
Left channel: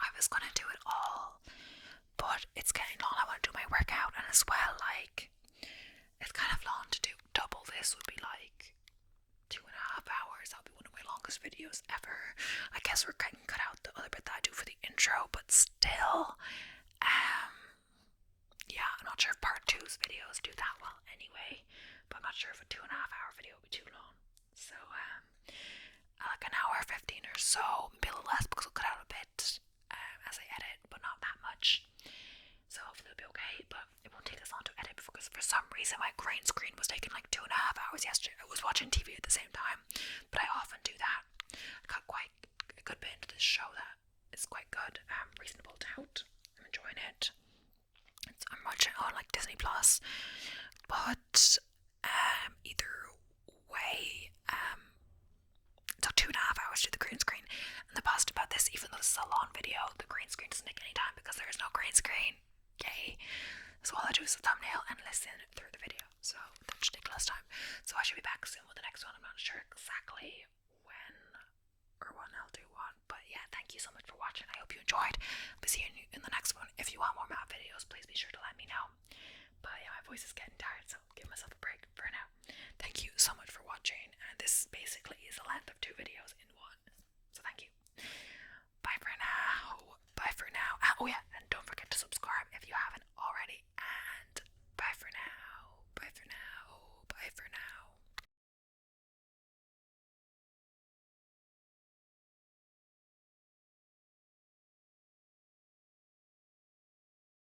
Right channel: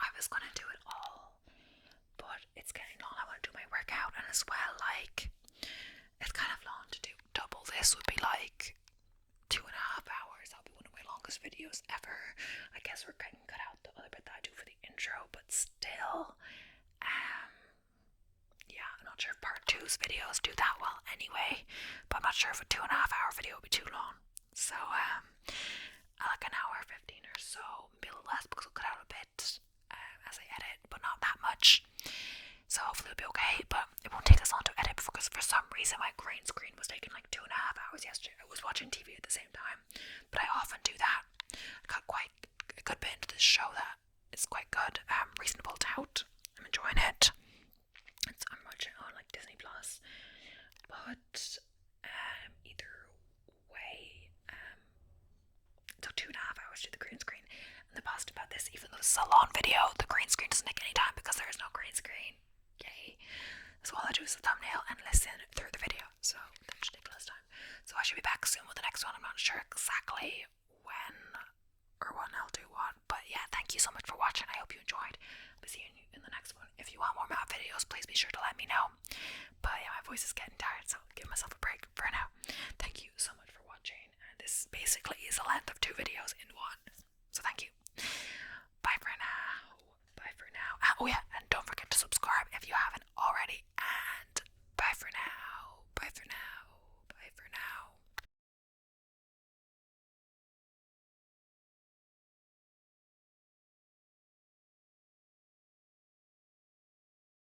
I was gonna do it all, but it's getting long. I want to do my workout, and as well, like, it's kind of long to do. Double this would be like 2.5 hours. That'll be one of my longest videos ever. I guess we're going to cut out the other bit that I do for the intro, but still, I'm not sure if part 2's videos do that well anyway, but I'm not sure if a 2.5 hour video would be too long. So, like an hour 15 or so, maybe a little less, because I'll cut out a bit as I edit, but not that much. So hopefully it'll be okay, but it won't take us long to edit, because for some reason my green screen was taking like 2.5 hours yesterday. I was watching TV at the same time, but I often do that. I got quite a good bit into this show that is quite good. Reasonable Doubt. I'm enjoying it. I'm watching it on like Disney Plus, but either way, it took 2.5 hours to do the green screen. And the best about this, even though this is a long video, the green screen doesn't take any time because there is no green screen. Yay. So all I do is the thumbnail and listen through the video, so that should take less time. So I should be back soon with the next one. I'm not sure exactly when or when I'll do what, but yeah, thank you so much for watching. I hope you enjoyed. I'll be seeing you in the next one. If you want more math videos, please be sure to let me know. But yeah, my voice is getting tired, so give myself a break for now. Thank you so much for watching, and this basically is the length of 2